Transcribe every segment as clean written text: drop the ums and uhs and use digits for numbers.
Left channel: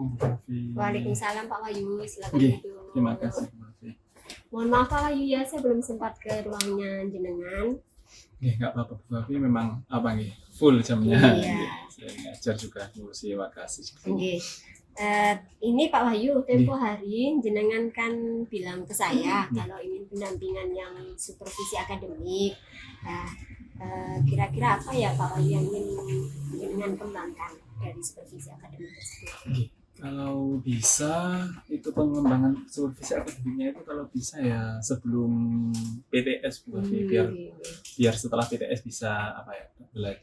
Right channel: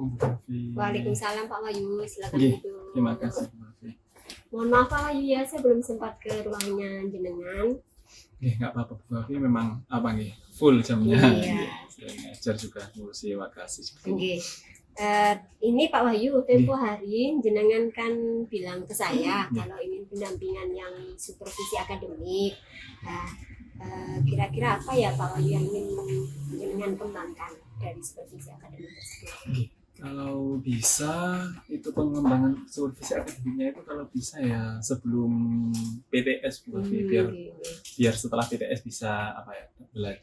Assalamualaikum Bu Fafi. Waalaikumsalam Pak Wahyu, silakan Nggih, duduk. terima kasih Bu Fafi. Mohon maaf Pak Wahyu ya, saya belum sempat ke ruangnya jenengan. Nggih, nggak apa-apa Bu Fafi, memang apa nih full jamnya. Iya. Saya ngajar juga ngurusi makasih. Nggih. Ini Pak Wahyu, tempo hari jenengan kan bilang ke saya kalau ingin pendampingan yang supervisi akademik. Nah, kira-kira apa ya Pak Wahyu yang ingin jenengan kembangkan dari supervisi akademik tersebut? Nggih, kalau bisa itu pengembangan supervisi akademiknya itu kalau bisa ya sebelum PTS Bu Fafi, biar setelah PTS bisa apa ya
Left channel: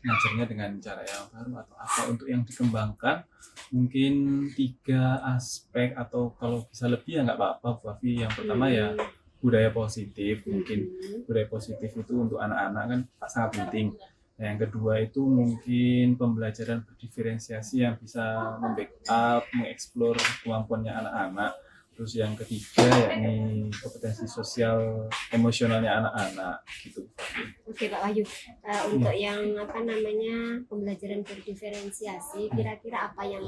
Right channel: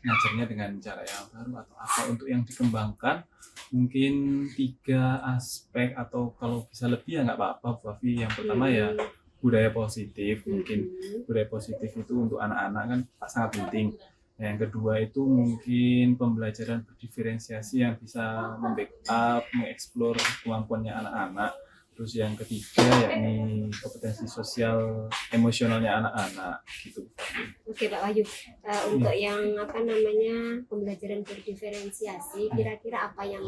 ngajarnya dengan cara yang baru atau apa untuk yang dikembangkan mungkin 3 aspek atau kalau bisa lebih ya nggak apa-apa Bu Fafi. Yang pertama ya budaya positif, mungkin budaya positif itu untuk anak-anak kan sangat penting. Nah, yang kedua itu mungkin pembelajaran berdiferensiasi yang bisa membackup, mengeksplor kemampuannya anak-anak. Terus yang ketiga yakni kompetensi sosial emosionalnya anak-anak gitu. Oke Pak Wahyu, untuk yang apa namanya pembelajaran berdiferensiasi, kira-kira apa yang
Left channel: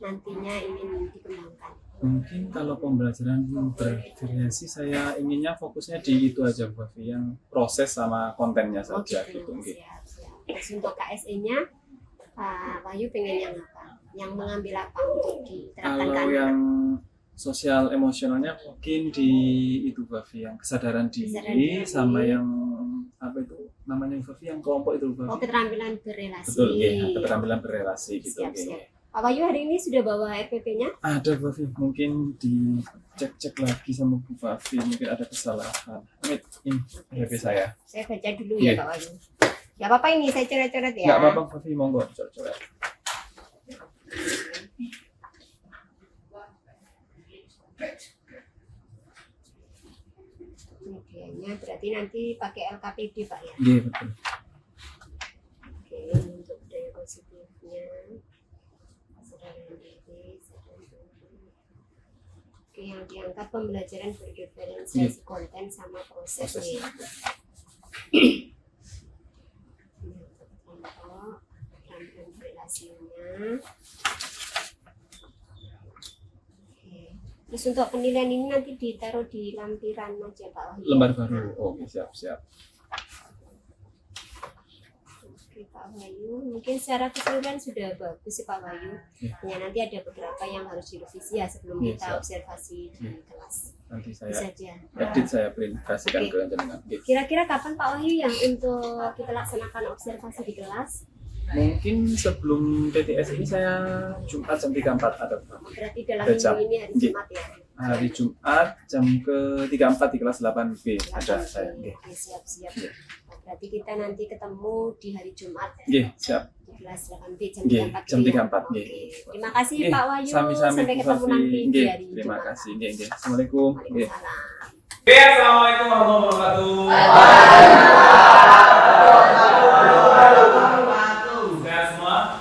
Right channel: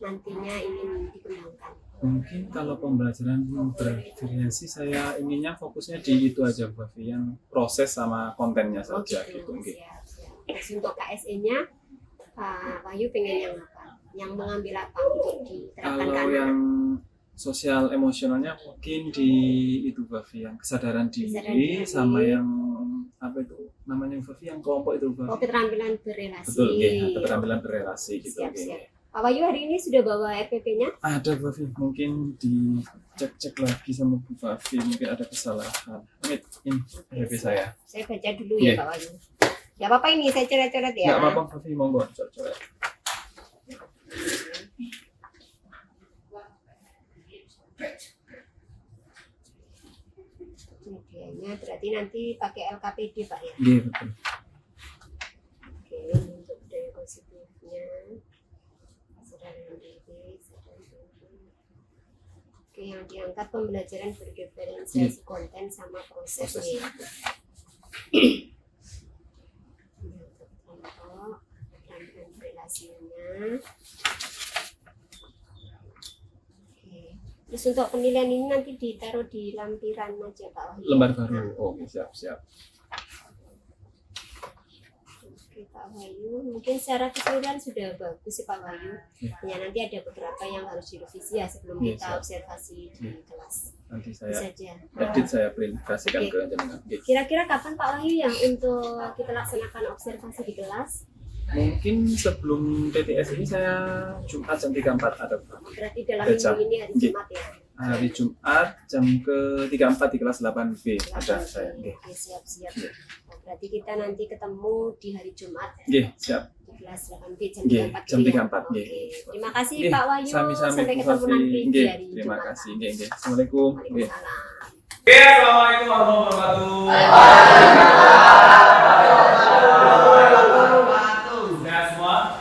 nantinya ingin dikembangkan? Mungkin kalau pembelajaran berdiferensiasi saya inginnya fokusnya di itu aja Bu Fafi, yang proses sama kontennya saja gitu. Siap. Terus untuk KSE-nya Pak Wahyu pengen yang apa? Yang mengambil apa untuk diterapkan Kalau ke yang sosial emosionalnya mungkin di itu Fafi, yang kesadaran diri sama yang apa itu namanya Fafi, yang kelompok itu Fafi. Oh, keterampilan berrelasi. Betul, ya, keterampilan berrelasi gitu. Siap. Pak Wahyu hari ini sudah bawa RPP-nya? Ada Fafi, mungkin dicek lagi sama Bu Fafi, mungkin ada kesalahan. Ini RPP saya. Saya baca dulu ya Pak Wahyu. Gak apa-apa ini, saya coret-coret ya. Gak apa-apa Fafi, monggo coret-coret. Medianya berarti nanti pakai LKPD Pak ya? Iya betul. Oke, untuk budaya positifnya kesadaran diri. Oke, yang diangkat pembelajaran berdiferensiasi konten sama prosesnya. Untuk kelompok, keterampilan berrelasinya. Terus untuk penilaian ini nanti ditaruh di lampiran aja Pak Wahyu. Lembar baru. Oh, siap. Oke Pak Wahyu, mungkin secara keseluruhan sudah bagus sih Pak Wahyu. Ya nanti ada beberapa yang harus direvisi ya sebelum kita observasi di kelas. Nanti saya saja. edit, saya presentasikan ke jenengan. Kira-kira kapan Pak Wahyu yang untuk kita laksanakan observasi di kelas? Mungkin sebelum PTS ini saya Jumat jam 3.4 ada. Berarti dalam minggu ini hari Jumat ya? Hari Jumat jam ke-34 di kelas 8B ada saya. Oke, siap. Berarti kita nanti ketemu di hari Jumat. Siap. Di kelas 8B jam 3.4. Terima kasih Pak Wahyu. Sami-sami Sampai ketemu nanti di hari Jumat. Terima kasih. Assalamualaikum. Assalamualaikum warahmatullahi wabarakatuh. Sehat semua?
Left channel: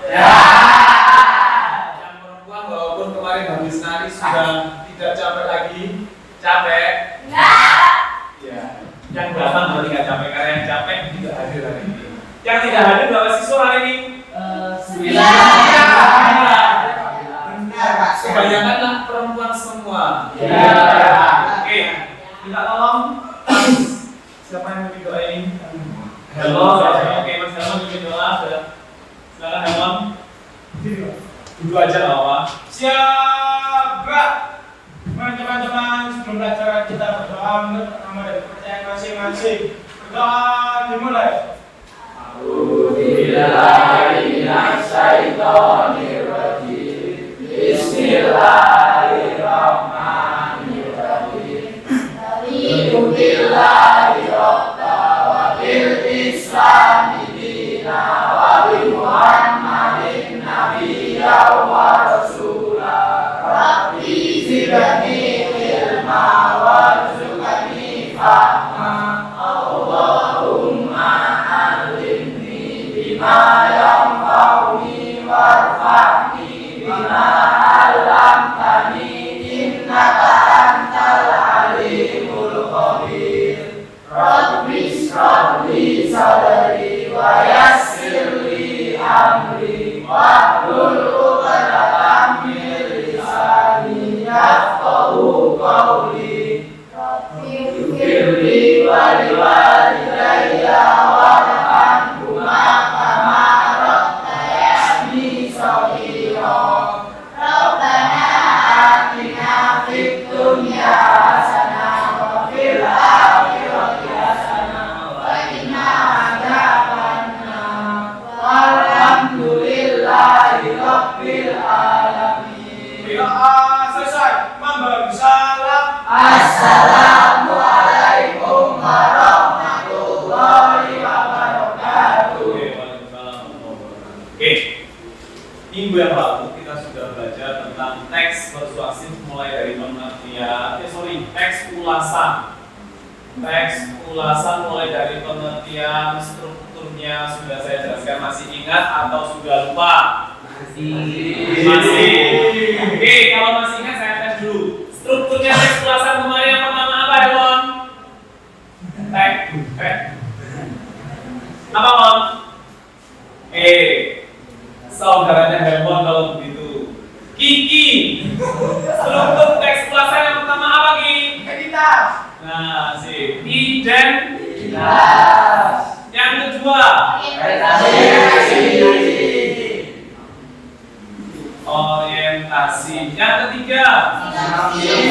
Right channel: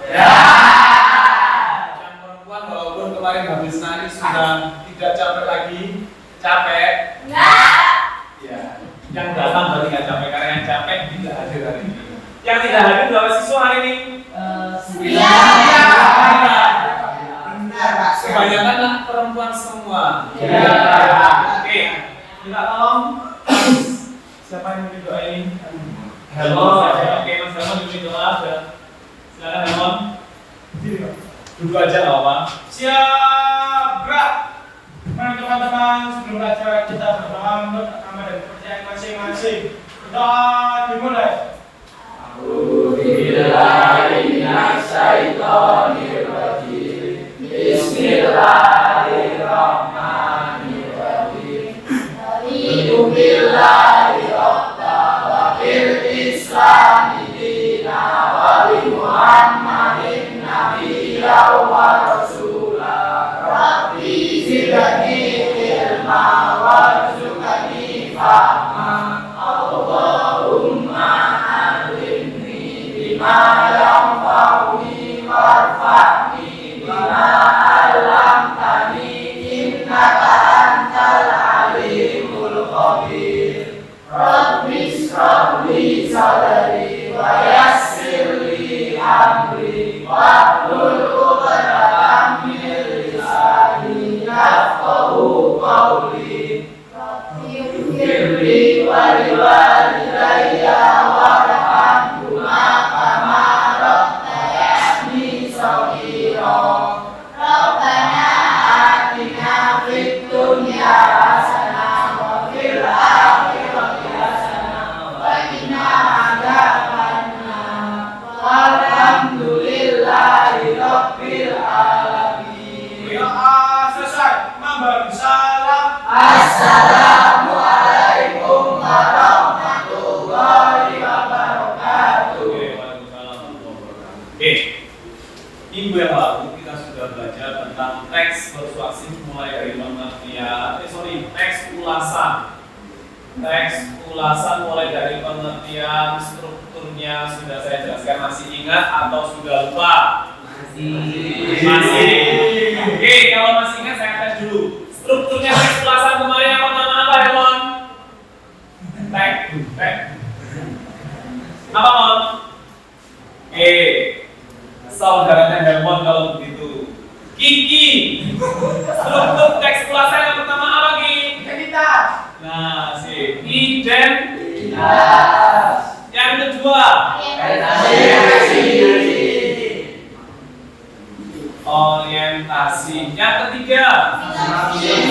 Yang perempuan walaupun kemarin habis nari sudah tidak capek lagi? Capek? Ya. Yang datang berarti nggak capek, karena yang capek tidak hadir hari ini. Yang tidak hadir berapa siswa hari ini? 9. Kebanyakan lah perempuan semua. Oke. Minta tolong siapa yang mau didoain? Hello, oke Mas Helmon bikin doa. Silakan Helmon. Duduk aja nggak apa-apa. Siap, gerak. Mari teman-teman, sebelum acara kita berdoa menurut nama dan kepercayaan masing-masing. Berdoa dimulai. A'udzubillahiminasyaitonirrajim. Bismillahirrahmanirrahim. Billahi rabba wa bil islami dina wa bi muhammadin nabiyya wa rasula rabbi zidni ilma warzuqni fahma Allahumma alimni bima yanfa'uni warfa'ni bima 'allamtani innaka antal alimul khabir. Rabbi shrah li sadri wa yassir li amri wahlul 'uqdatam min Selesai. Mambal salam. Oke, waalaikumsalam warahmatullahi wabarakatuh. Oke, minggu yang lalu kita sudah belajar tentang teks persuasif mulai dari pengertian, teks ulasan. Teks ulasan mulai dari pengertian, strukturnya sudah saya jelaskan. Masih ingat atau sudah lupa? Masih. Oke, kalau masih ingat saya tes dulu. Strukturnya teks ulasan kemarin apa ya, Mon? Teks. Apa, Mon? Saudaranya Hermon kalau begitu. Kiki. Struktur teks ulasan yang pertama apa, Ki? Identitas. Nah, sih. Identitas. Yang kedua, orientasi. Yang ketiga, sinopsis.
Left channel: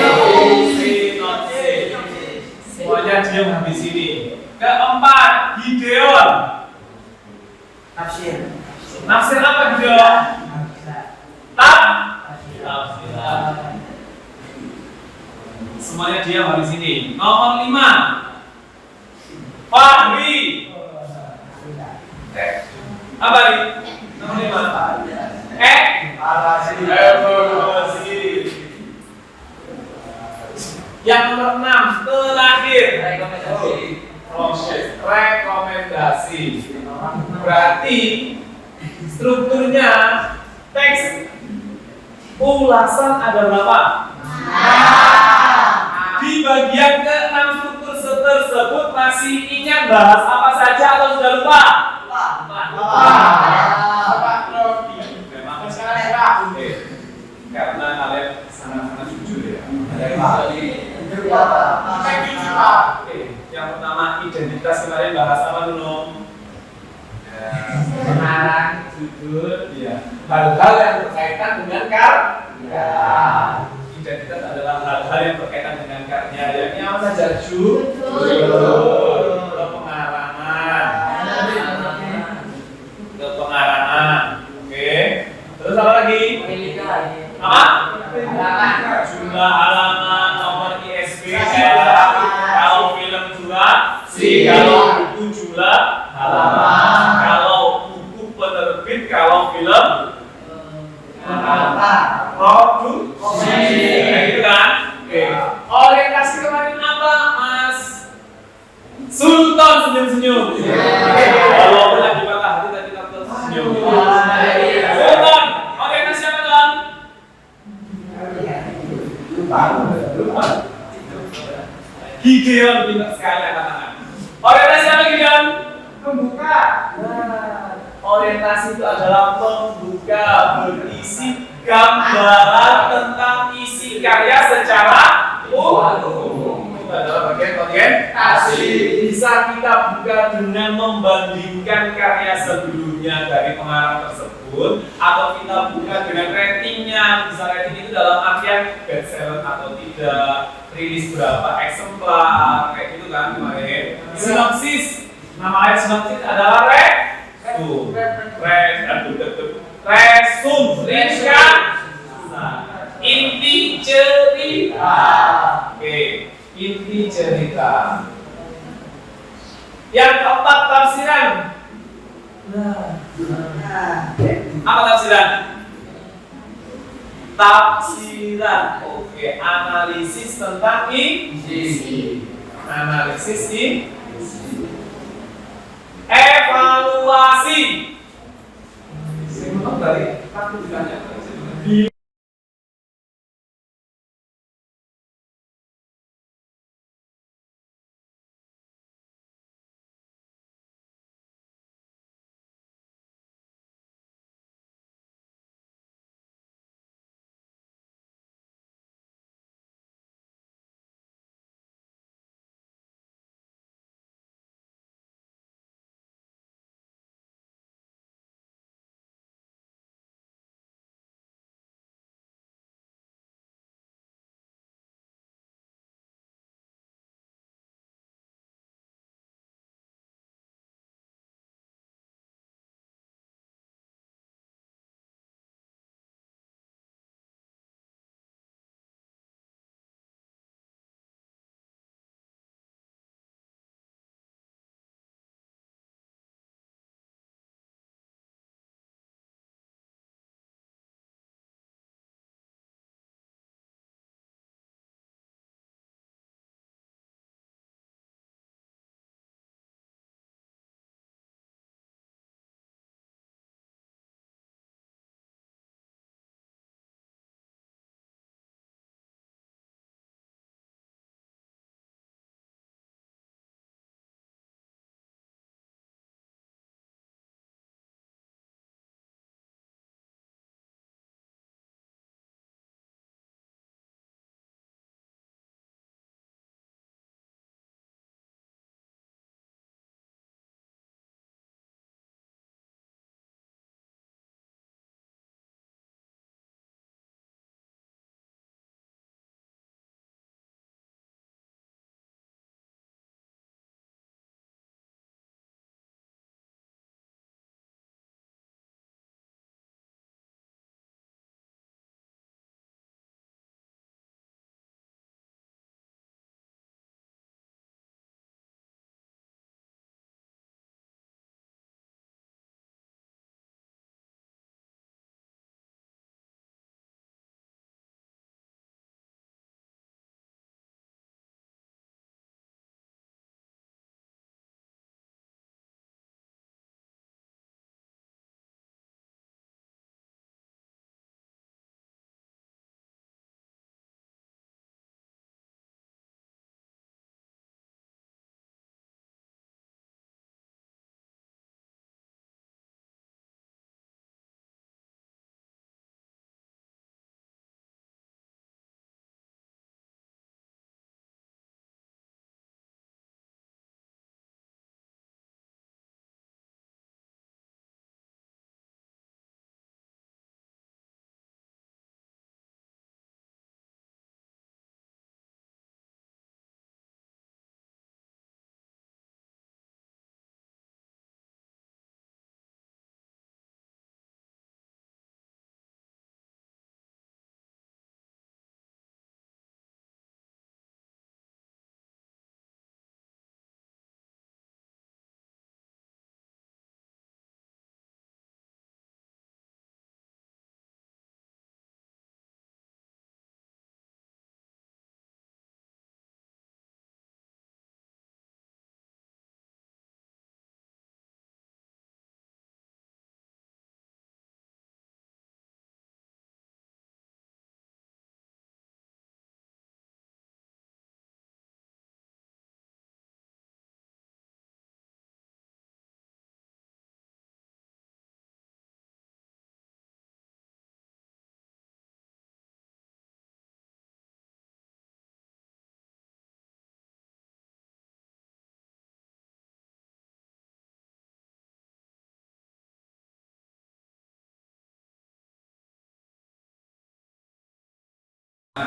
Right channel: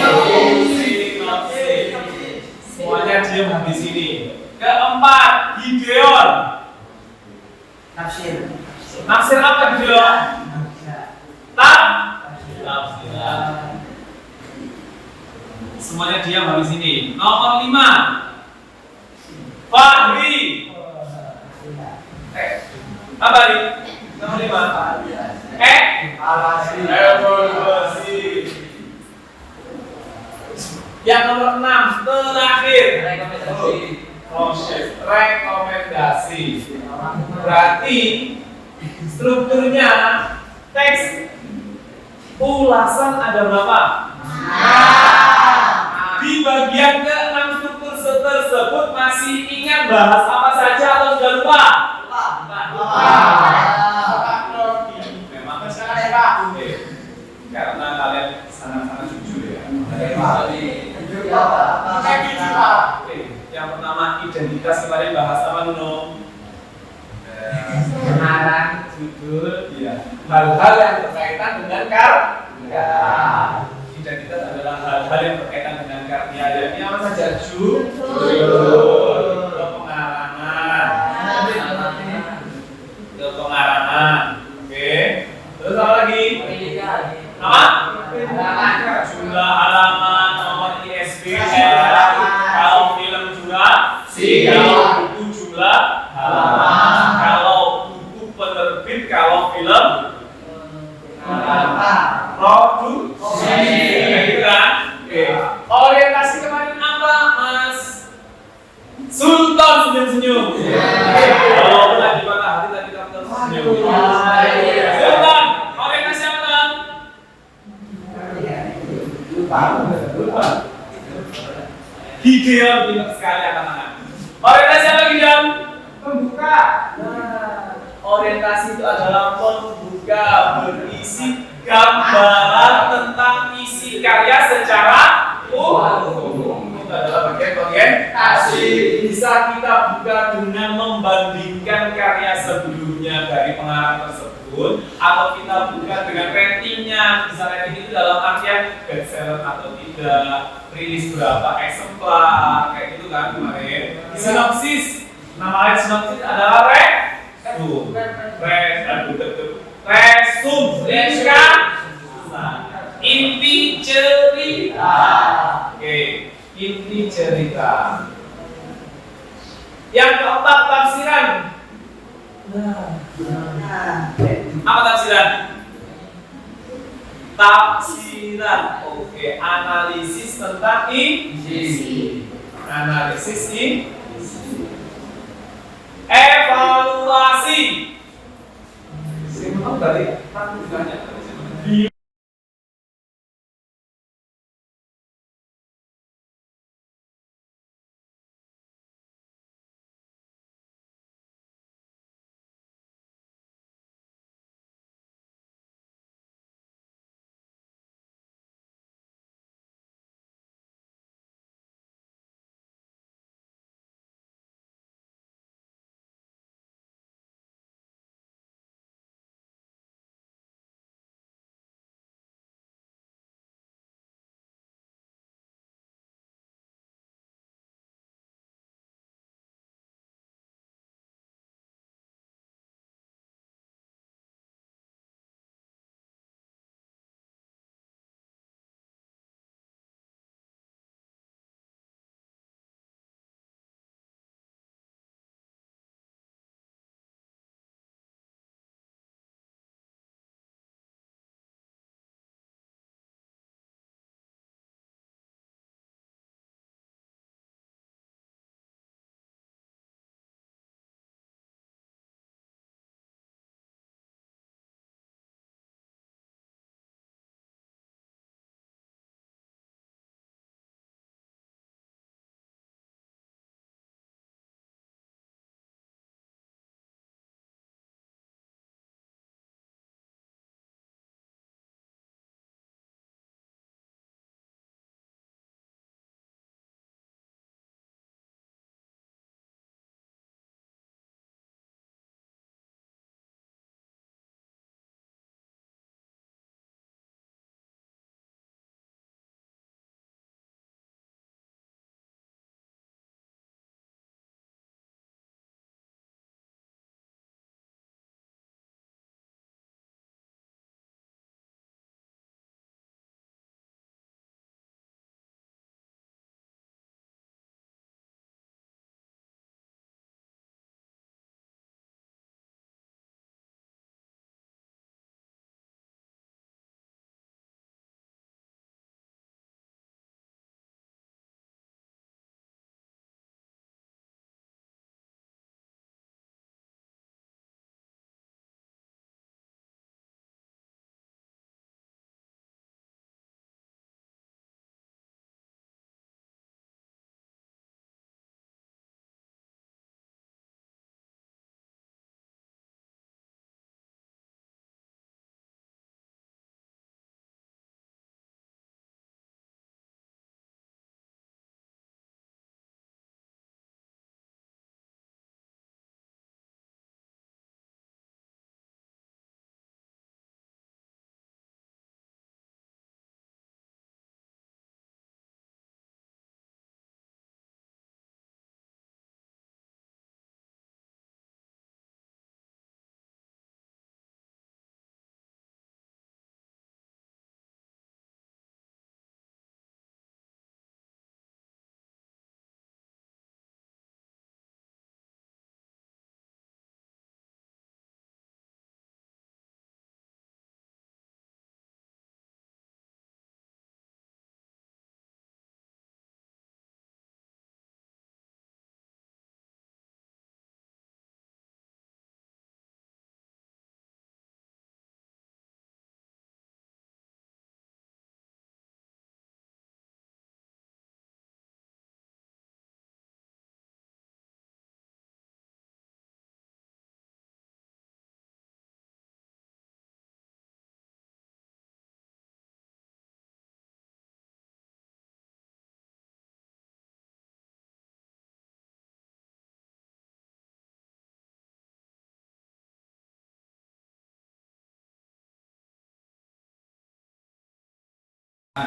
Semuanya diam di sini. Keempat, Gideon. Nafsir apa Gideon? Tafsiran. Semuanya diam di sini. Nomor 5, Fahri. Apa ini? Nomor 5. Evaluasi. Yang nomor 6, terakhir, proses rekomendasi. Berarti strukturnya teks ulasan ada berapa? Di bagian ke-6 struktur tersebut masih ingat bahas apa saja atau sudah lupa? Karena kalian sangat-sangat jujur ya. Yang pertama identitas, kemarin bahas apa Nuno? Pengarang, judul, ya. Hal-hal yang berkaitan dengan karya. Identitas adalah hal-hal yang berkaitan dengan karya. Yakni apa saja? Judul, pengarangan. Oke. Terus apa lagi? Apa? Jumlah halaman, nomor ISBN. Kalau film durasi, kalau buku jumlah halaman, kalau buku penerbit, kalau film produksi. Gitu kan? Oke. Orientasi kemarin apa, Mas Sultan? Senyum-senyum. Walaupun lagi patah hati tadi Sultan senyum. Sultan, orientasi apa, Tuan? Gideon, pintar sekali angkat tangan. Orientasi apa, Gideon? Pembuka. Orientasi itu adalah pembuka, berisi gambaran tentang isi karya secara umum. Itu adalah bagian orientasi. Bisa kita buka dengan membandingkan karya sebelumnya dari pengarang tersebut, atau kita buka dengan ratingnya. Bisa rating itu dalam artian bestseller atau tidak, rilis berapa eksemplar, kayak gitu kan kemarin. Sinopsis, nama lain sinopsis adalah resum, ringkas, inti cerita. Oke, inti cerita. Yang keempat, tafsiran. Apa tafsiran? Tafsiran. Oke, analisis tentang isi. Analisis isi. Evaluasi. Simpan dari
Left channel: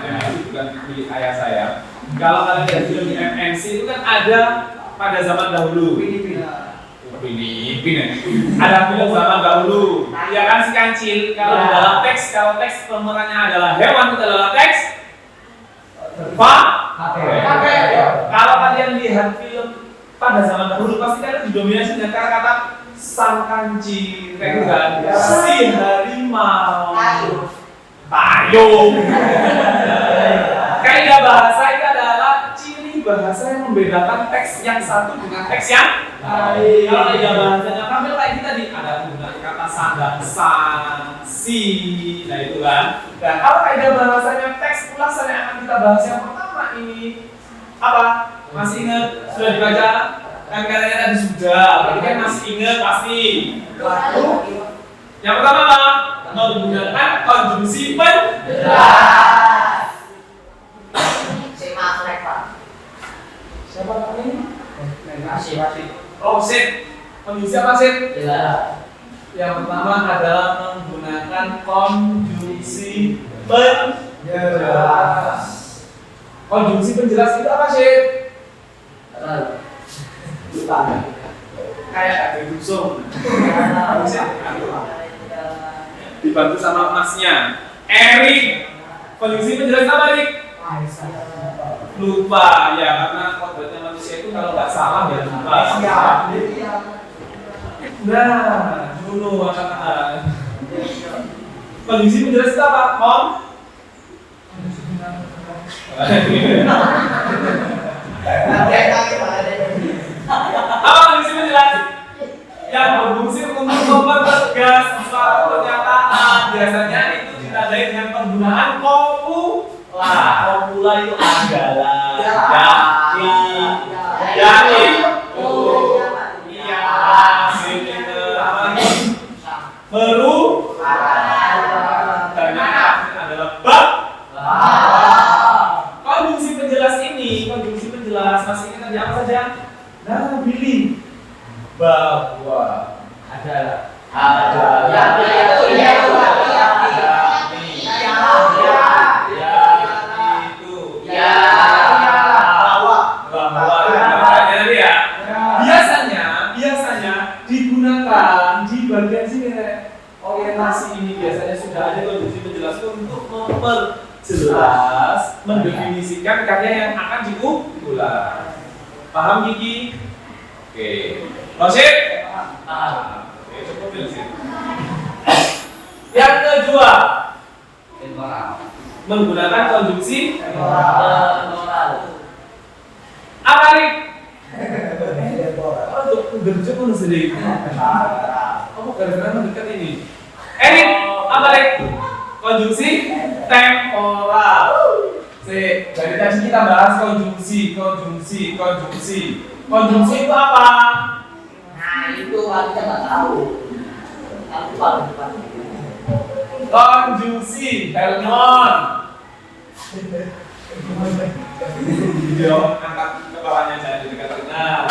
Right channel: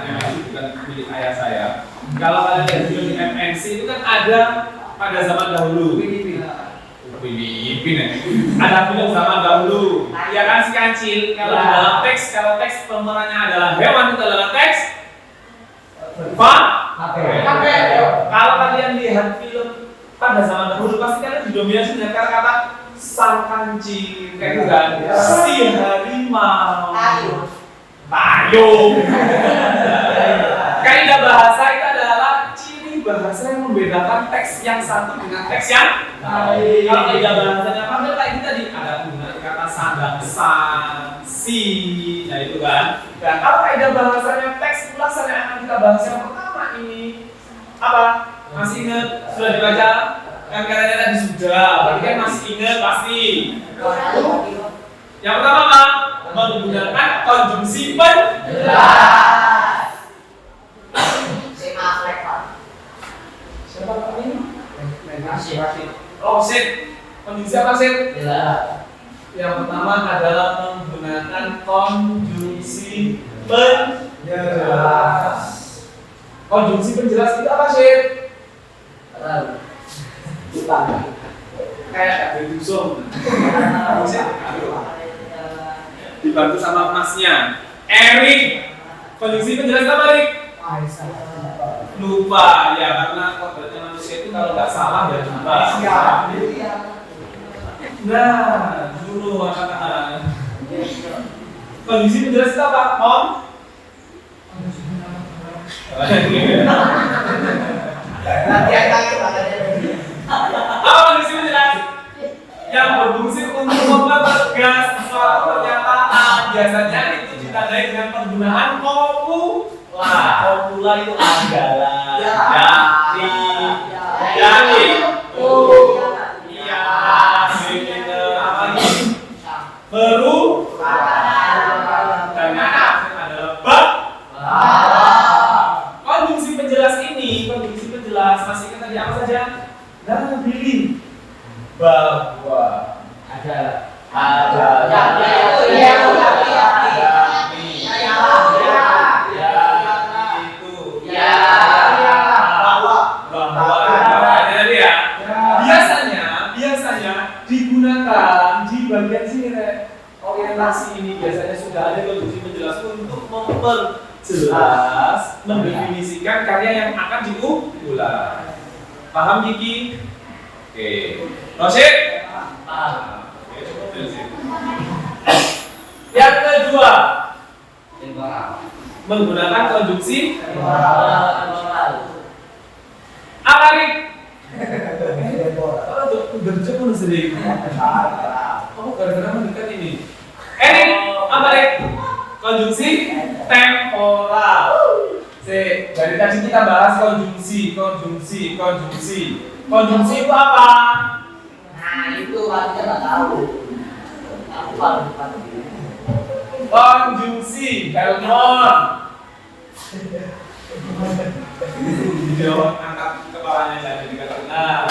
MNC bukan milik ayah saya. Kalau kalian lihat film di MNC itu kan ada pada zaman dahulu. Filipin ya. Ada film zaman dahulu. Ya kan si kancil. Kalau dalam teks, kalau teks pemerannya adalah hewan itu dalam teks. Kalau kalian lihat film pada zaman dahulu pasti kalian didominasi dengan kata-kata sang kancil, kayak gitu kan? Si harimau, payung. Kaidah bahasa itu adalah ciri bahasa yang membedakan teks yang satu dengan teks yang lain. Kalau kaidah bahasanya Pramil kayak kita tadi ada dengan kata sadang, san, si, nah itu kan. Dan kalau kaidah bahasanya teks ulasan yang akan kita bahas yang pertama ini apa? Masih ingat? Sudah dibaca? Kan katanya tadi sudah, berarti kan masih ingat pasti. Yang pertama apa? Menggunakan konjungsi penjelas. Siapa ini? Oh, sit. Konjungsi apa sit? Yang pertama adalah menggunakan konjungsi penjelas. Konjungsi penjelas itu apa sih? Kayak Gusung. Dibantu sama emasnya. Erik. Konjungsi penjelas apa, Erik? Lupa ya, karena kodratnya manusia itu kalau nggak salah ya lupa. Nah, dulu makanan. Konjungsi penjelas itu apa? Apa konjungsi penjelas? Yang berfungsi untuk mempertegas suatu pernyataan. Biasanya itu ditandai dengan penggunaan kopula. Kopula itu adalah baru dan adalah bab. Konjungsi penjelas ini, konjungsi penjelas masih ingat tadi apa saja? Nah, pilih bahwa ada biasanya digunakan di bagian sini orientasi ini biasanya sudah ada konjungsi penjelas untuk memperjelas, mendefinisikan karya yang akan diulang. Paham Kiki? Oke. Rosid? Paham. Oke, cukup jelasin. Yang kedua, menggunakan konjungsi apa nih? Kalau udah cukup sendiri. Kamu gara-gara mendekat ini. Ini apa nih? Konjungsi temporal. Dari tadi kita bahas konjungsi. Konjungsi itu apa? Nah, itu kita nggak tahu. Konjungsi, Helmon. Video angkat kepalanya jadi dekat. Nah,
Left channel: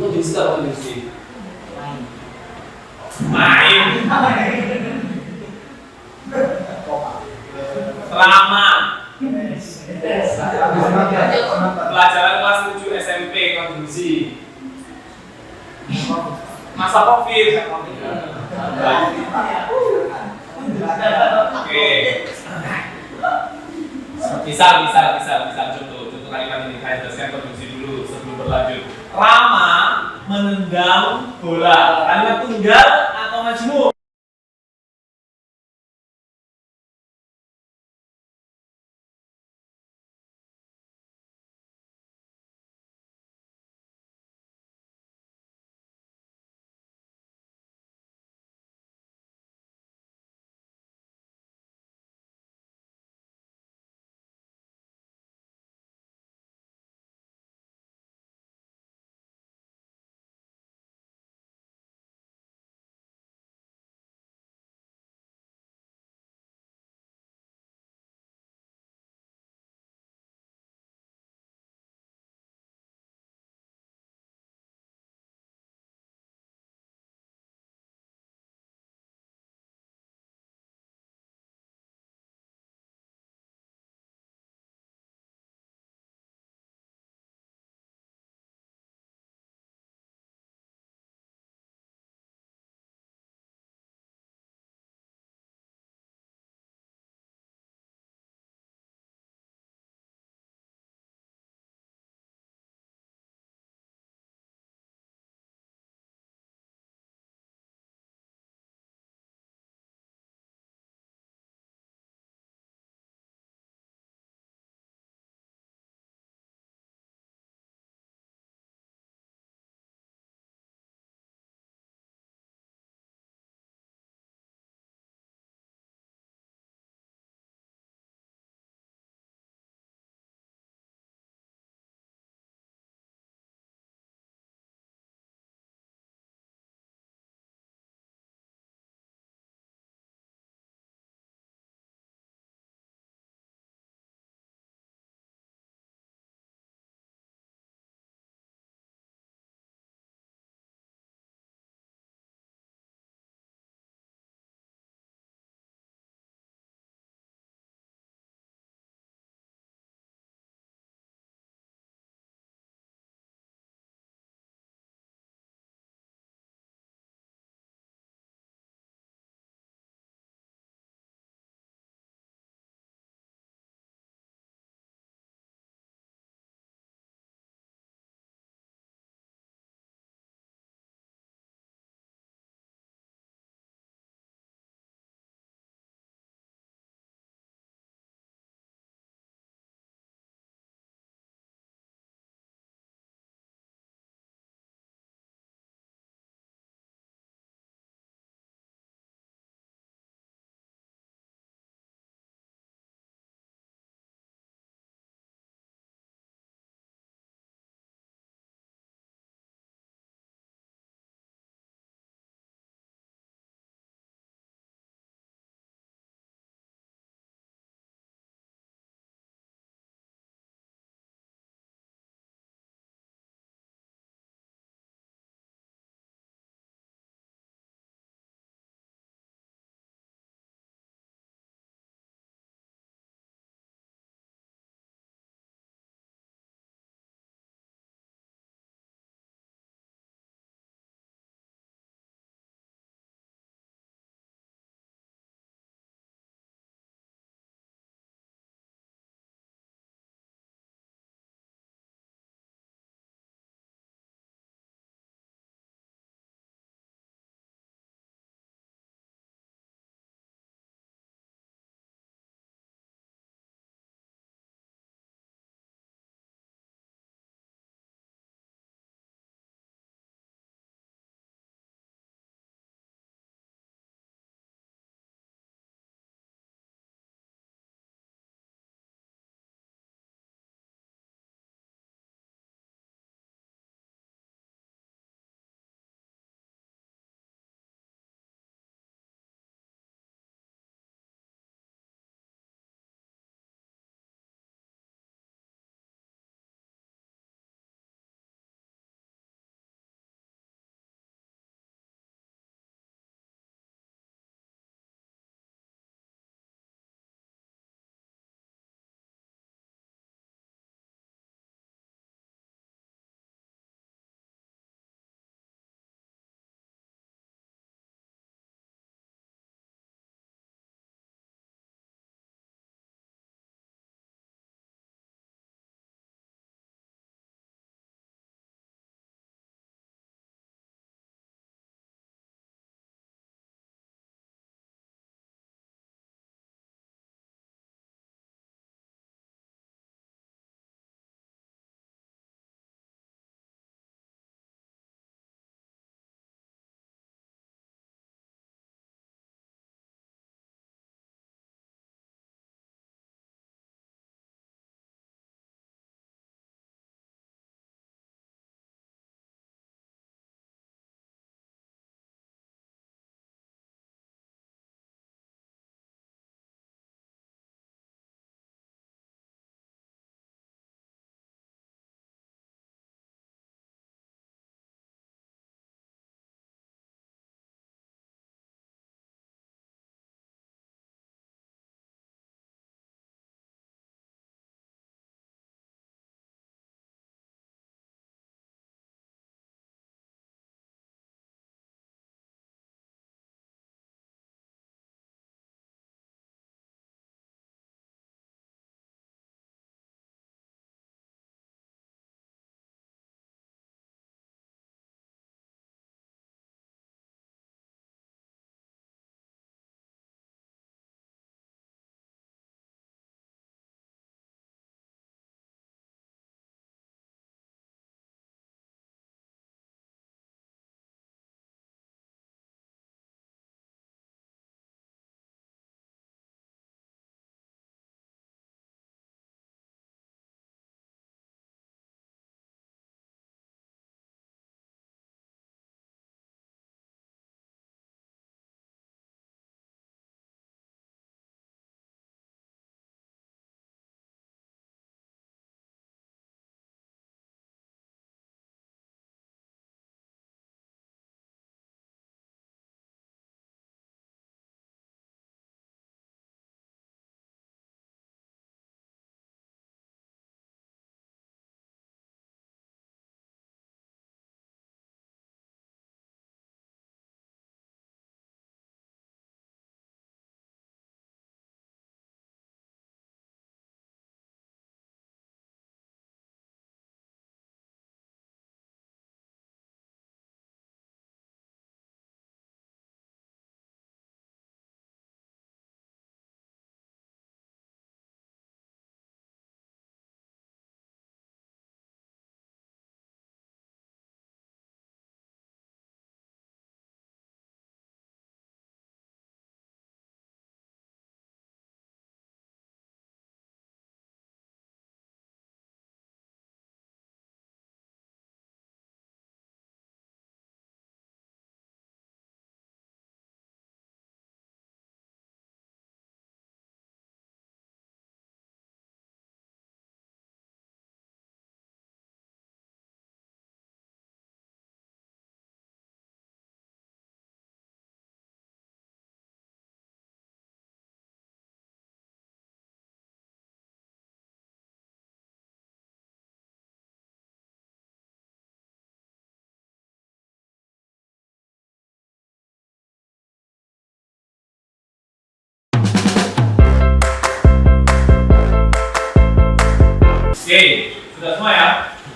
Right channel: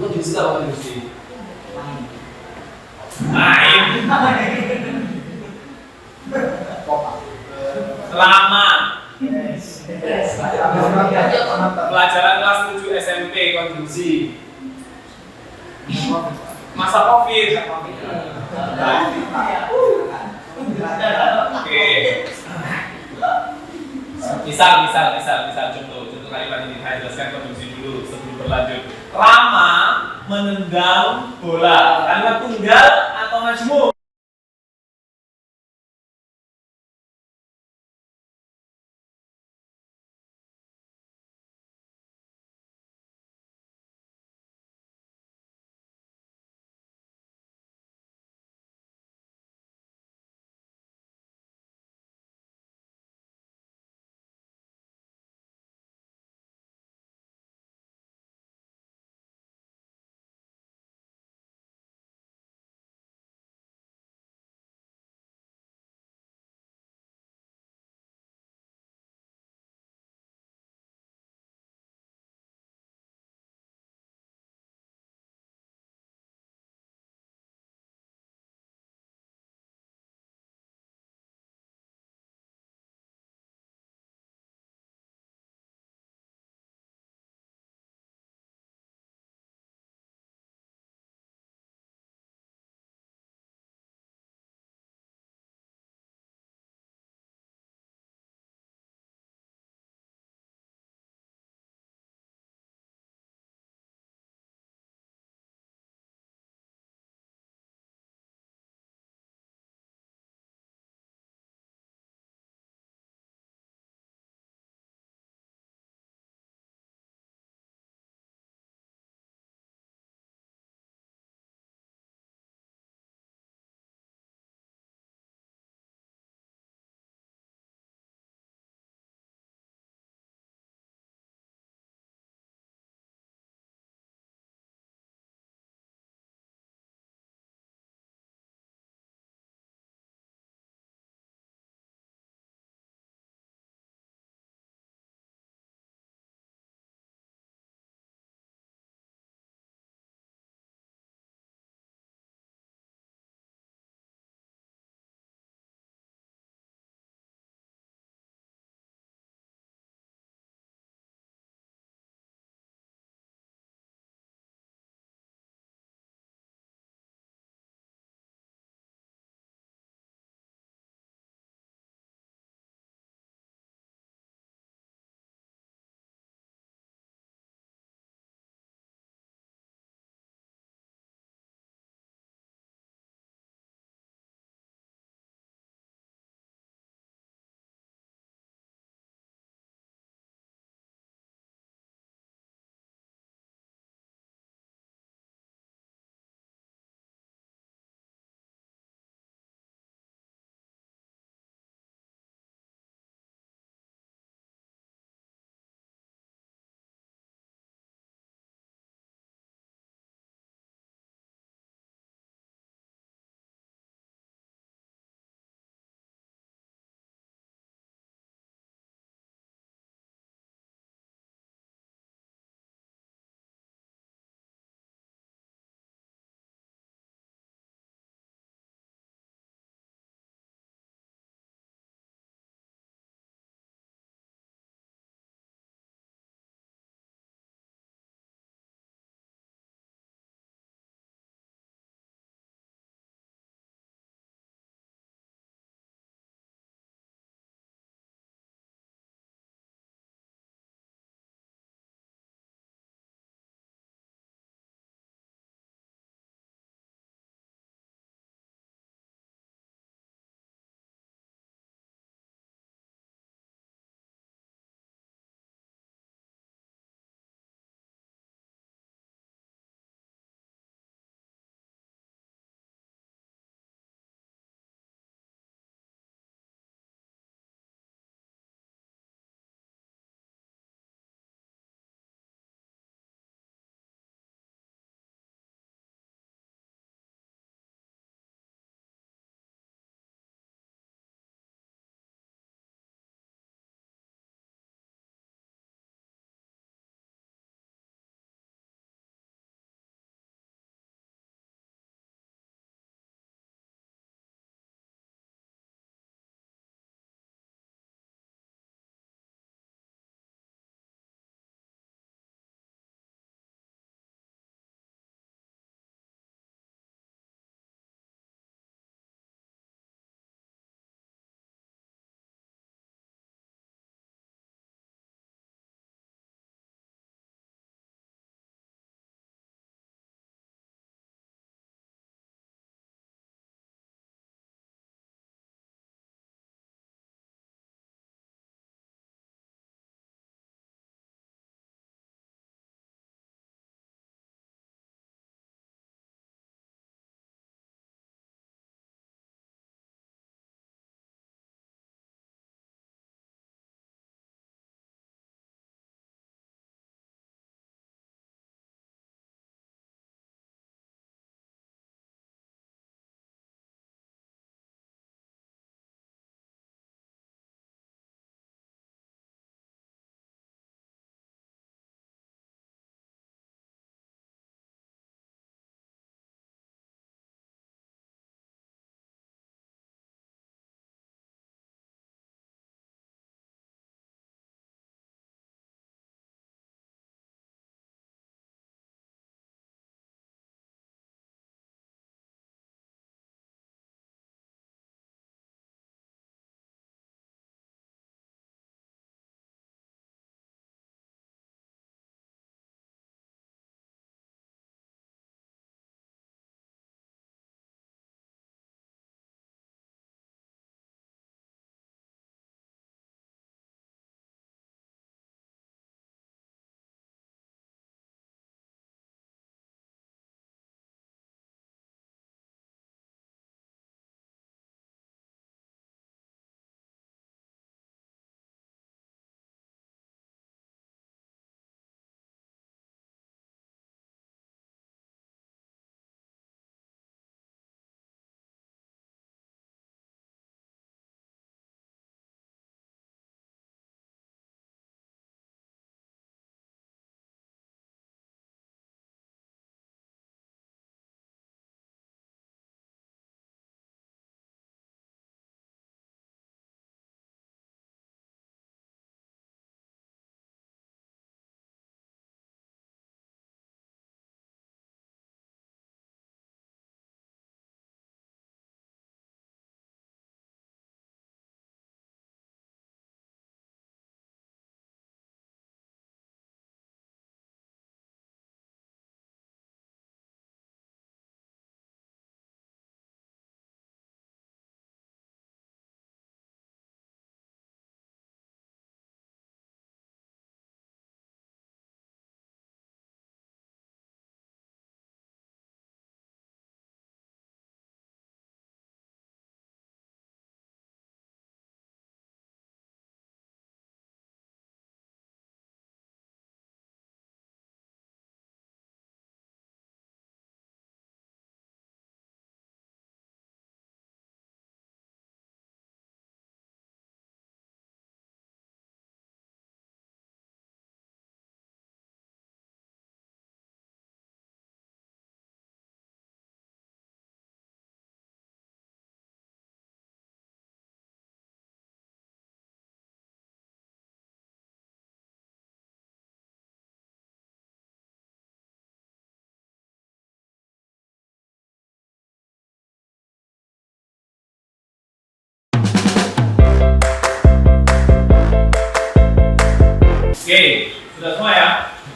konjungsi apa konjungsi? Main. Selama. Pelajaran kelas 7 SMP konjungsi. Masa Covid. Oke. Misal contoh kalimat ini saya jelaskan konjungsi dulu sebelum berlanjut. Rama menendang bola. Kalimat tunggal atau majmuk?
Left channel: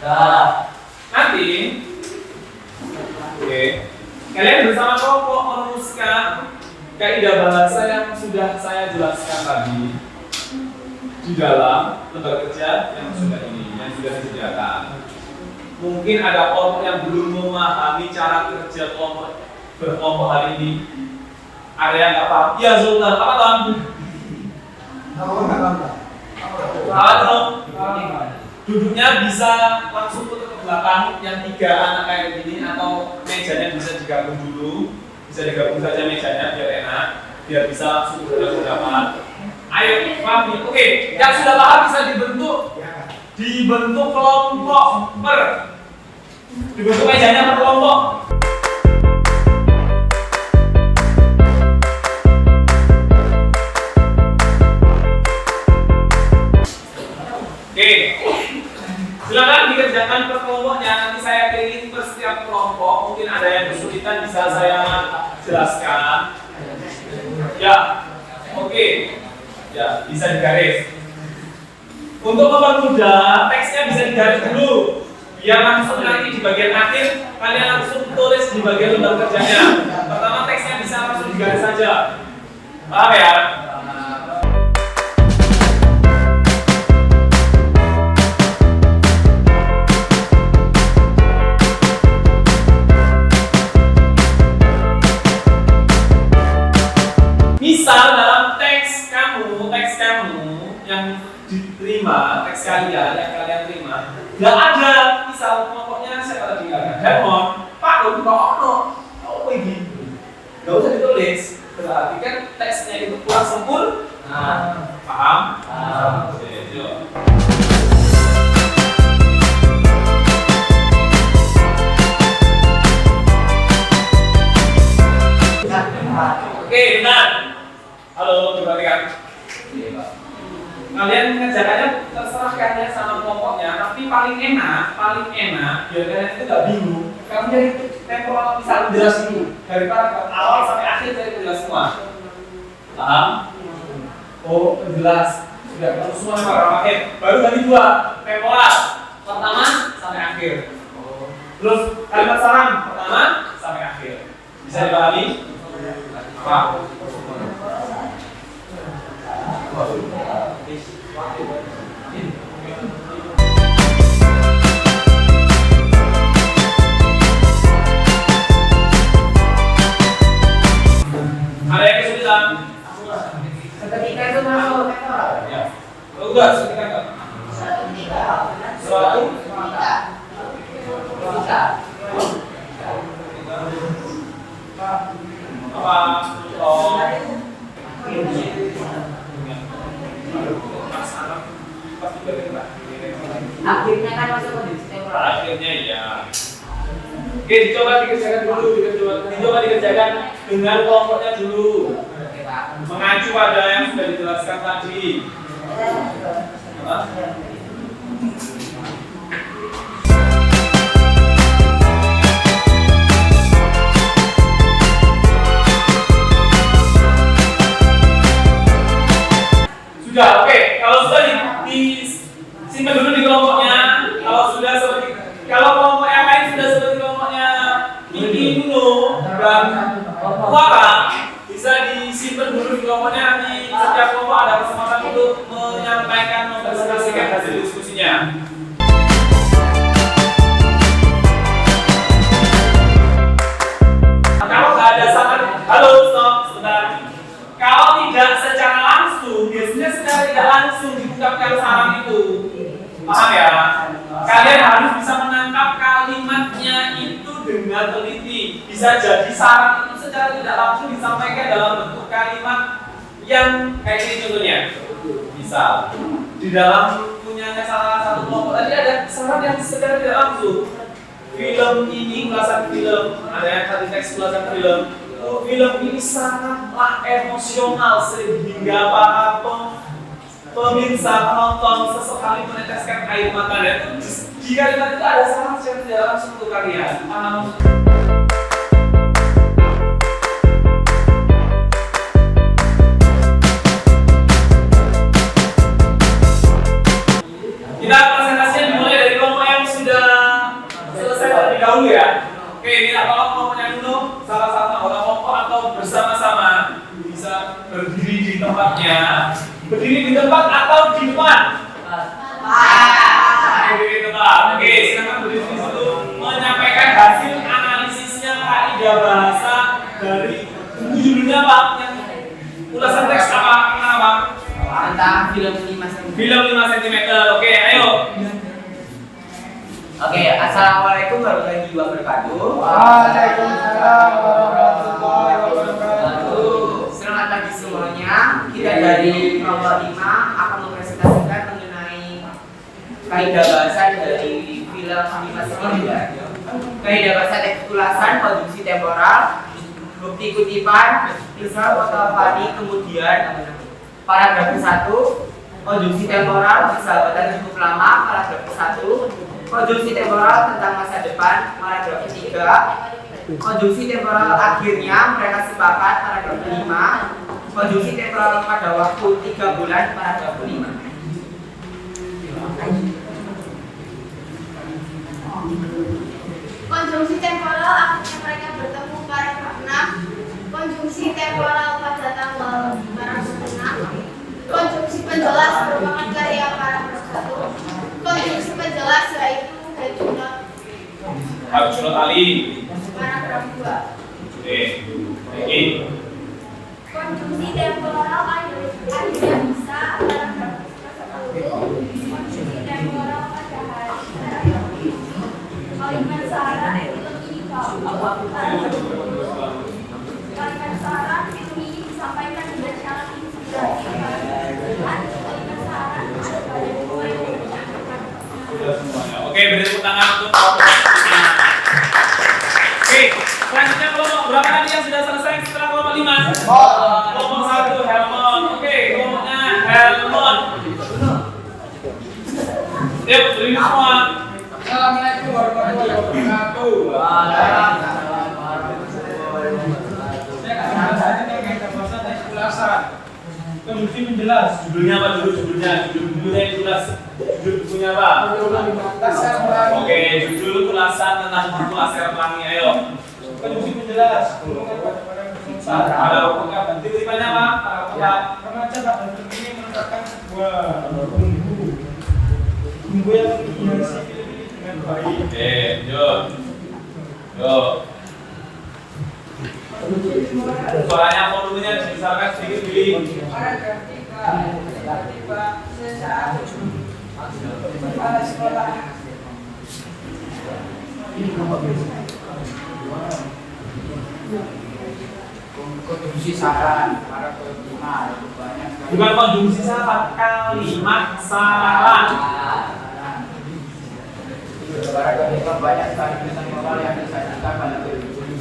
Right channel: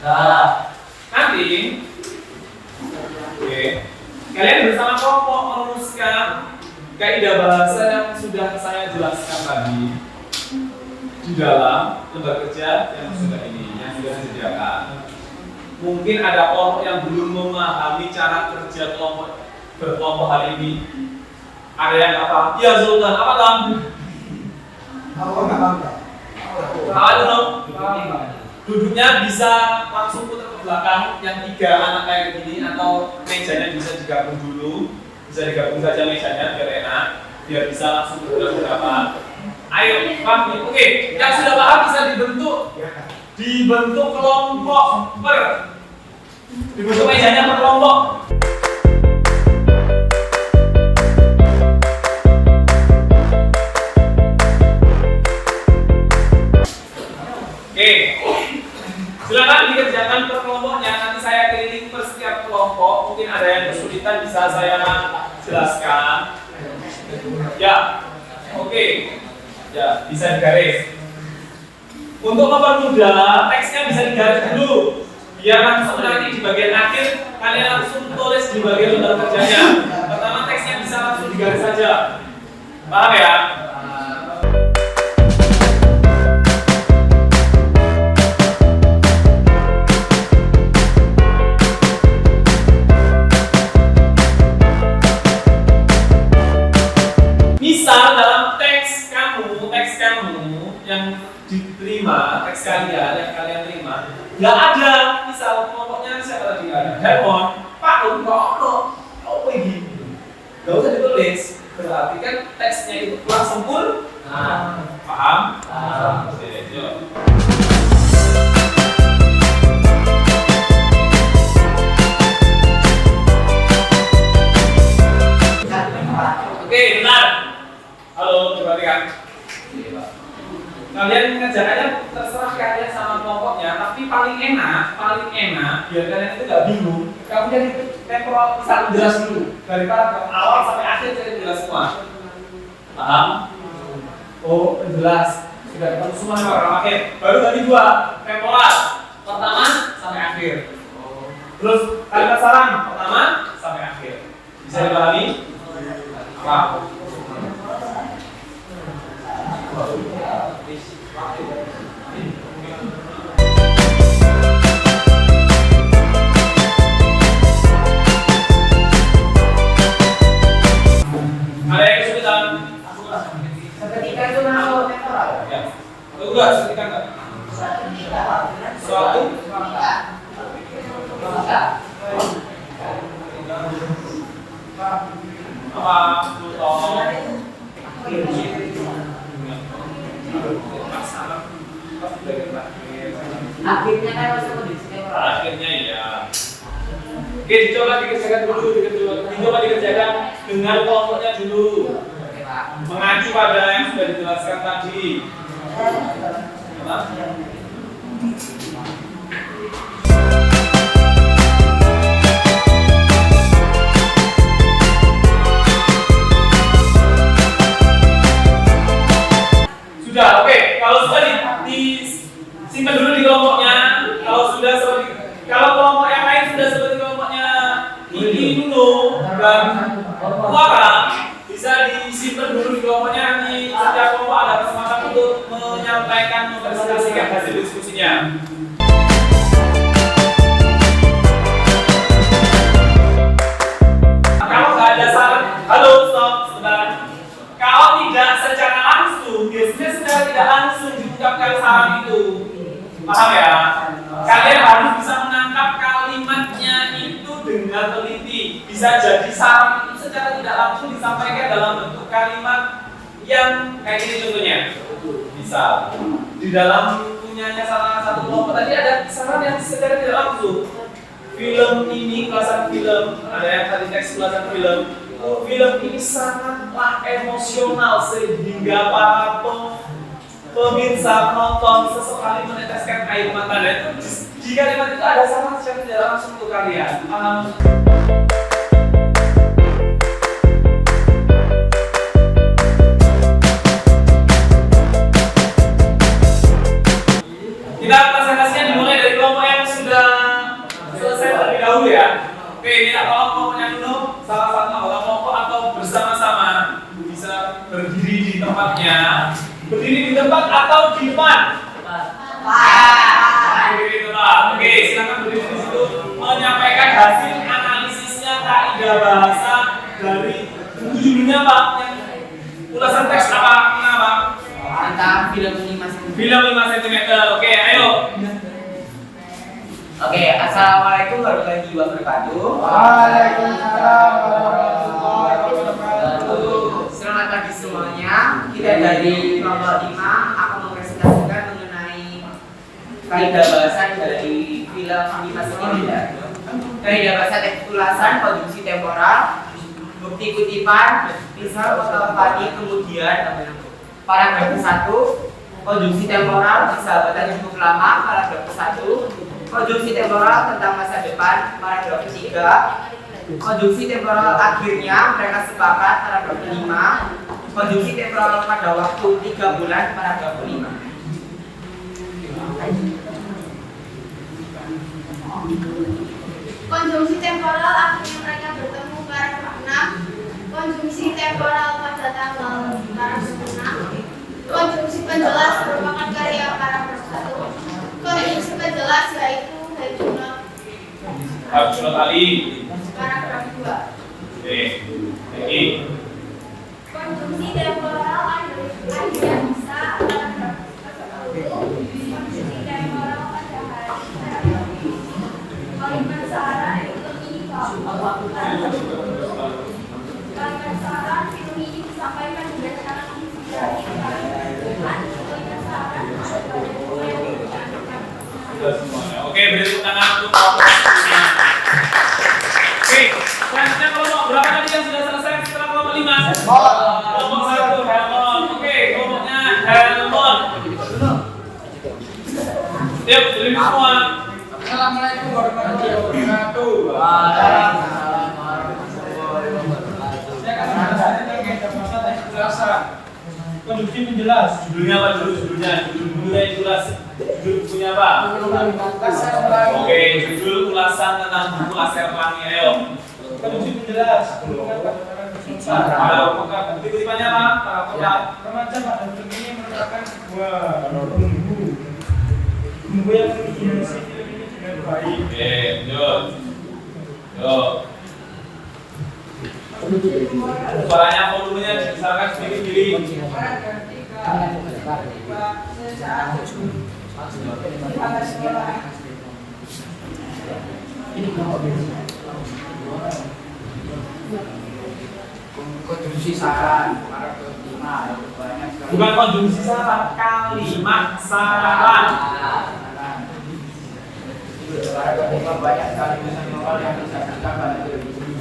Nanti, oke, kalian bersama kelompok merumuskan kaidah bahasa yang sudah saya jelaskan tadi di dalam lembar kerja yang sudah saya sediakan. Mungkin ada kelompok yang belum memahami cara kerja kelompok berkelompok hari ini. Ada yang nggak paham? Iya Zultan, apa Tam? Apa dong? Duduknya bisa langsung putar ke belakang yang 3 anak kayak gini, atau mejanya bisa digabung dulu, bisa digabung saja mejanya biar enak, biar bisa langsung putar ke belakang. Ayo, paham? Oke, yang sudah paham bisa dibentuk kelompok dibentuk mejanya per kelompok. Oke, silakan dikerjakan per kelompoknya. Nanti saya keliling per setiap kelompok. Mungkin ada yang kesulitan bisa saya jelaskan. Ya, oke. Ya, bisa digaris. Untuk mempermudah, teksnya bisa digaris dulu. Biar langsung nanti di bagian akhir kalian langsung tulis di bagian lembar kerjanya. Pertama teksnya bisa langsung digaris saja. Paham ya? Misal dalam teks kamu yang diterima, teks kalian yang kalian terima, nggak ada misal kelompoknya siapa tadi nggak ada Diamond, Pak Doni kok apa ini? Nggak usah ditulis, berarti kan teksnya itu kurang sempurna. Paham? Oke, yuk. Oke, benar. Halo, perhatikan. Kalian mengerjakannya terserah kalian sama kelompoknya, tapi paling enak biar kalian itu nggak bingung. Kamu jadi temporal bisa jelas dulu dari awal sampai akhir saya jelas semua. Paham? Oh, jelas. Sudah ketemu semua orang akhir. Baru tadi 2 temporal pertama sampai akhir. Terus kalimat saran pertama sampai akhir. Bisa dipahami? Apa? Ada yang kesulitan? Seketika itu masuk temporal. Ya. Enggak, seketika enggak. Suatu apa? Oh. Akhirnya kan masuk kondisi temporal. Akhirnya ya. Oke, dicoba dikerjakan dulu, dicoba dikerjakan dengan kelompoknya dulu. Oke, Pak. Mengacu pada yang sudah dijelaskan tadi. Apa? Sudah, oke. Kalau sudah disimpan dulu di kelompoknya. Kalau kelompok yang lain sudah seperti kelompoknya ini dulu dan Clara, bisa disimpan dulu di kelompoknya. Nanti setiap kelompok ada kesempatan untuk menyampaikan, mempresentasikan hasil diskusinya. Kalau nggak ada saran, halo stop sebentar. Kalau tidak secara langsung, biasanya secara tidak langsung diucapkan saran itu. Paham ya? Kalian harus bisa menangkap kalimatnya itu dengan teliti. Bisa jadi saran itu secara tidak langsung disampaikan dalam bentuk kalimat yang kayak ini contohnya. Misal, di dalam punyanya salah satu kelompok tadi ada saran yang secara tidak langsung. Film ini ulasan film, ada yang tadi teks ulasan film. Film ini sangatlah emosional sehingga para pemirsa penonton sesekali meneteskan air mata. Dan itu di kalimat itu ada saran secara tidak langsung untuk kalian. Paham? Kita presentasinya dimulai dari kelompok yang sudah baru ya. Oke, ini tolong kelompoknya dulu, salah satu anggota kelompok atau bersama-sama bisa berdiri di tempatnya. Berdiri di tempat atau di depan? Berdiri di tempat. Oke, silakan berdiri di situ menyampaikan hasil analisisnya kaidah bahasa dari judulnya Pak. Ulasan teks apa? Tentang film 5 cm. Film 5 cm. Oke, ayo. Oke, assalamualaikum warahmatullahi wabarakatuh. Waalaikumsalam warahmatullahi wabarakatuh. Selamat pagi semuanya. Kita dari kelompok 5 akan mempresentasikan mengenai kaidah bahasa dari film 5 cm. Kaidah bahasa teks ulasan, konjungsi temporal, bukti kutipan, misal foto fani, kemudian paragraf 1, konjungsi temporal, persahabatan cukup lama, paragraf 1, konjungsi temporal tentang masa depan, paragraf 3, konjungsi temporal akhirnya mereka sepakat, paragraf 5, konjungsi temporal pada waktu 3 bulan, paragraf 5. Konjungsi temporal akhirnya mereka bertemu, paragraf 6. Konjungsi temporal pada tanggal, paragraf 6. Konjungsi penjelas merupakan karya, paragraf 1. Konjungsi penjelas yaitu Harus Ali. paragraf 2. Oke. Lagi. Konjungsi temporal akhirnya bisa, paragraf 10. Konjungsi temporal pada hari, paragraf 7. Kalimat saran film ini paragraf 10. Kalimat saran film ini disampaikan dengan syarat inspirasi, paragraf 9. Kalimat saran ada pada dua yang berbeda. Sudah semuanya. Oke, beri tepuk tangan untuk kelompok ini. Oke, selanjutnya kelompok berapa tadi yang sudah selesai setelah kelompok 5? Kelompok 1, Helmon. Oke, kelompoknya Helmon. Yuk, berdiri semua. Assalamualaikum warahmatullahi wabarakatuh. Saya akan menjelaskan tentang kaidah bahasa teks ulasan. Konjungsi menjelas. Judulnya apa dulu? Judulnya jelas. Judul bukunya apa? Ulasan ulangi. Oke, judul ulasan tentang buku Aser Pelangi. Ayo. Konjungsi menjelas. Hubungan pada Ada buka. Tiba-tibanya apa? Remaja pada film ini merupakan sebuah bumbu yang menghiasi film ini dengan baik. Oke, yuk. Yuk. Suaranya volumenya dibesarkan sedikit. Konjungsi saran, paragraf 5, itu banyak sekali. Bukan konjungsi saran, kalimat saran. Paragraf 5 banyak sekali pesan moral yang disajikan pada film ini,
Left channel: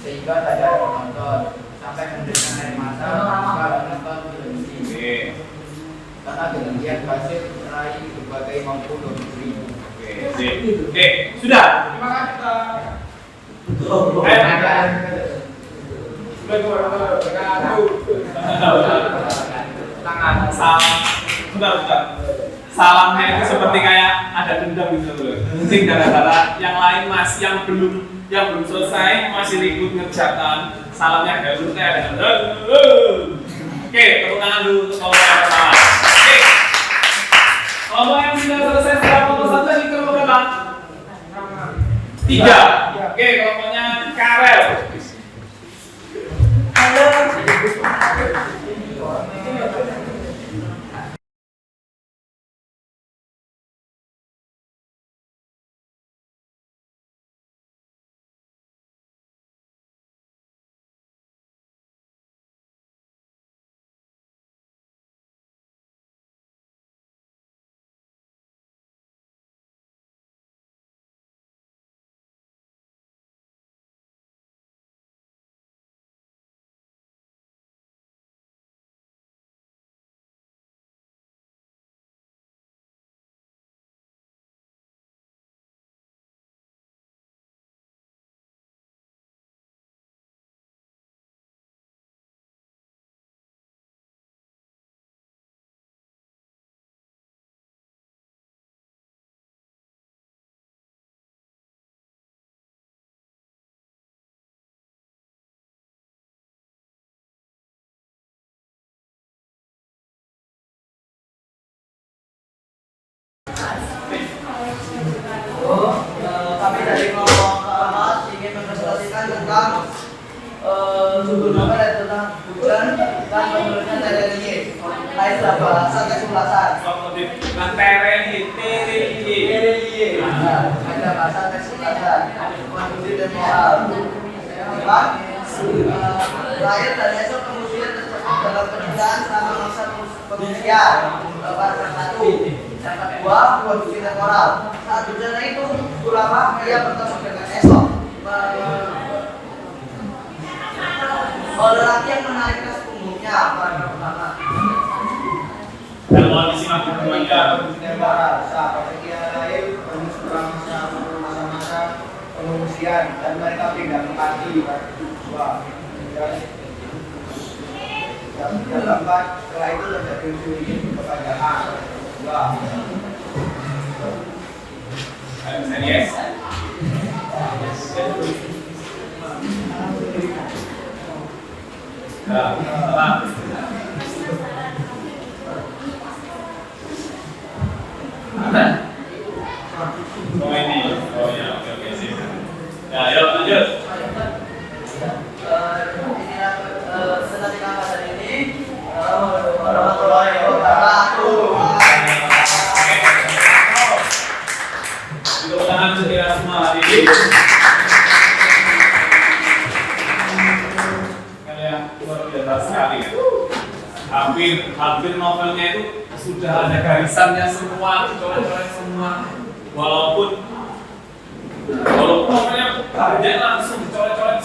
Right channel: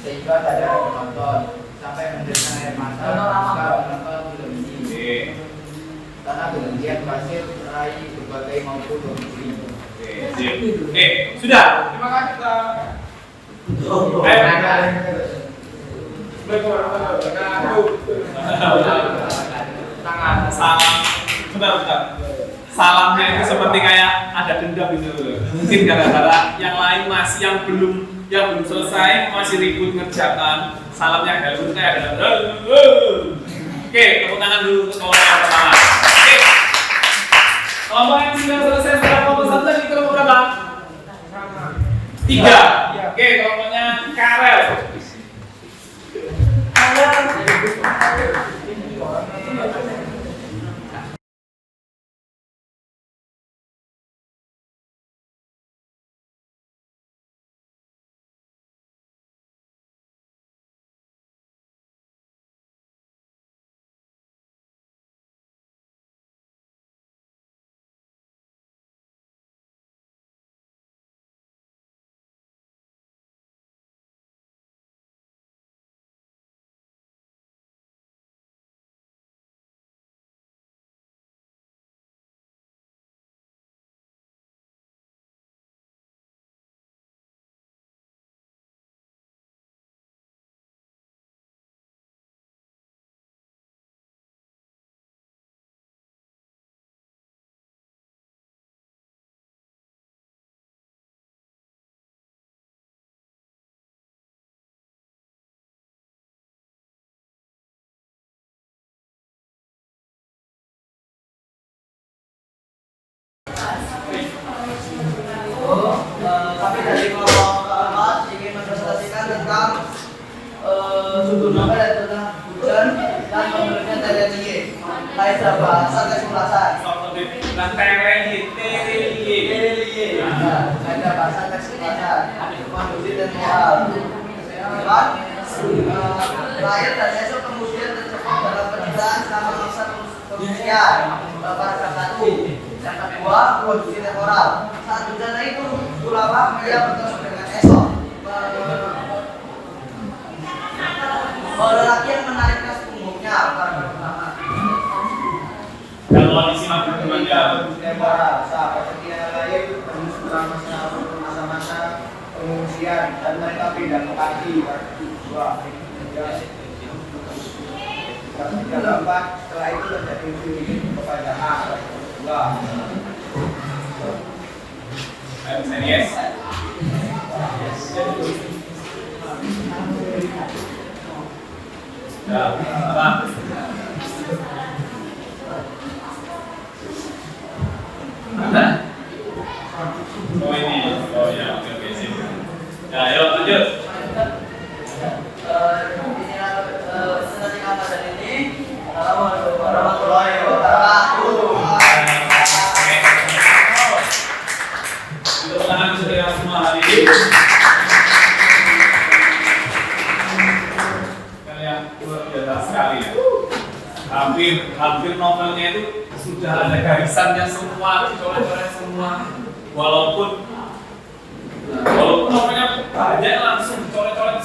sehingga tak ada penonton sampai mendesak air mata ketika menonton film ini. Oke. Karena kemudian berhasil meraih berbagai mampu doktrin. Oke, sip. Oke, sudah. Terima kasih Pak. Ayo. Salam. Bentar. Salamnya itu seperti kayak ada dendam gitu loh. Mungkin gara-gara yang lain masih yang belum selesai masih ribut ngerjakan. Salamnya Helmut kayak ada. Oke, tepuk tangan dulu untuk kelompok yang pertama. Oke. Kelompok yang sudah selesai setelah kelompok 1 tadi kelompok berapa? 3. Oke, kelompoknya Karel. Maka itulah bukan dan penulisnya TRI. Kaidah bahasa kesulasan. Nah, TRI. Kaidah bahasa kesulasan. Konstruksi dan moral. Empat, rakyat dan esok kemudian terjebak dalam penyitaan selama masa pengungsian. Paragraf 1. Yang kedua, konstruksi dan moral. Saat bencana itu, ulama ia bertemu dengan esok. Lelaki yang menarik tas punggungnya, paragraf pertama. Dan kondisi makhluknya Sahabat setia lain setelah masa-masa pengungsian dan mereka pindah ke pagi dua. Dan keempat, setelah itu terjadi uji kepada A dua. Yes. Ya, apa? Oh ini, oh ya, oke sih. Ya, ayo lanjut. Senanti Ramadan ini warahmatullahi wabarakatuh. Untuk tangan saya semua hari ini. Kalian luar biasa sekali ya. Hampir novelnya itu sudah ada garisannya semua, coret-coret semua. Walaupun novelnya banyak langsung dicoret-coret,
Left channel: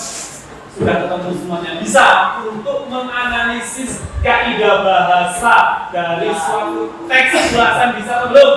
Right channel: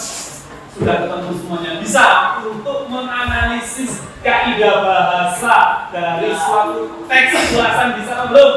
sudah ketemu semuanya. Bisa untuk menganalisis kaidah bahasa dari suatu teks ulasan, bisa atau belum?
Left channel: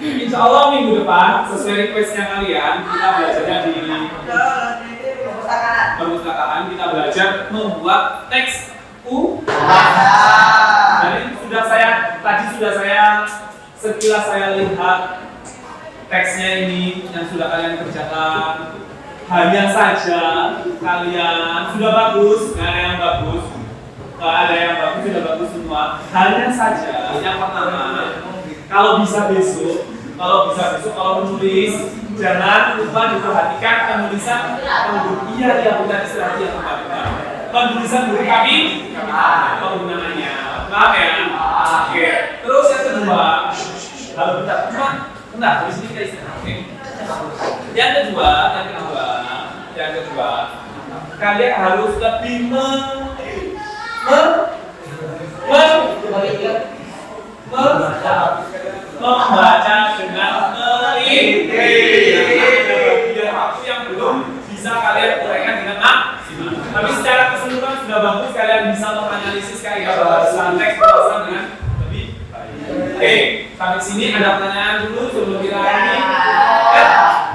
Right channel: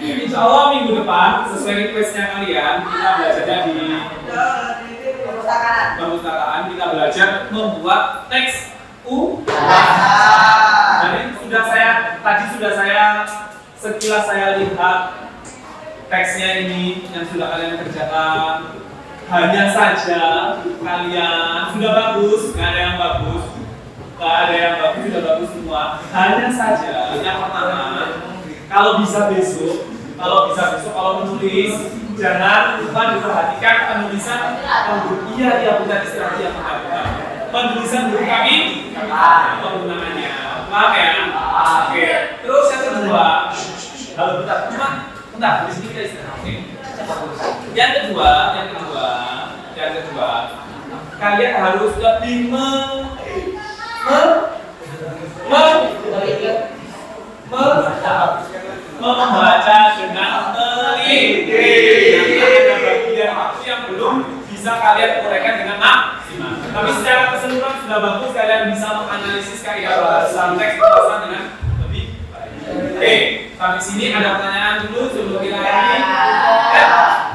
Insya Allah minggu depan sesuai requestnya kalian kita belajarnya di perpustakaan, kita belajar membuat teks U. Jadi tadi sudah saya sekilas saya lihat teksnya ini yang sudah kalian kerjakan, hanya saja kalian sudah bagus, nggak ada yang bagus, sudah bagus semua. Hanya saja yang pertama, kalau bisa besok kalau menulis jangan lupa diperhatikan penulisan iya bukan istilah yang benar. Penulisan huruf kami penggunaannya. Paham ya? Oke. Terus yang kedua, kalau bentar, di sini kita istirahat. Oke. Yang kedua, kalian harus lebih membaca dengan teliti. Ada bagian waktu yang belum bisa kalian uraikan dengan maksimal. Tapi secara keseluruhan sudah bagus, kalian bisa menganalisis kaidah bahasa teks pembahasan dengan lebih baik. Oke, sampai sini ada pertanyaan dulu sebelum kita akhiri.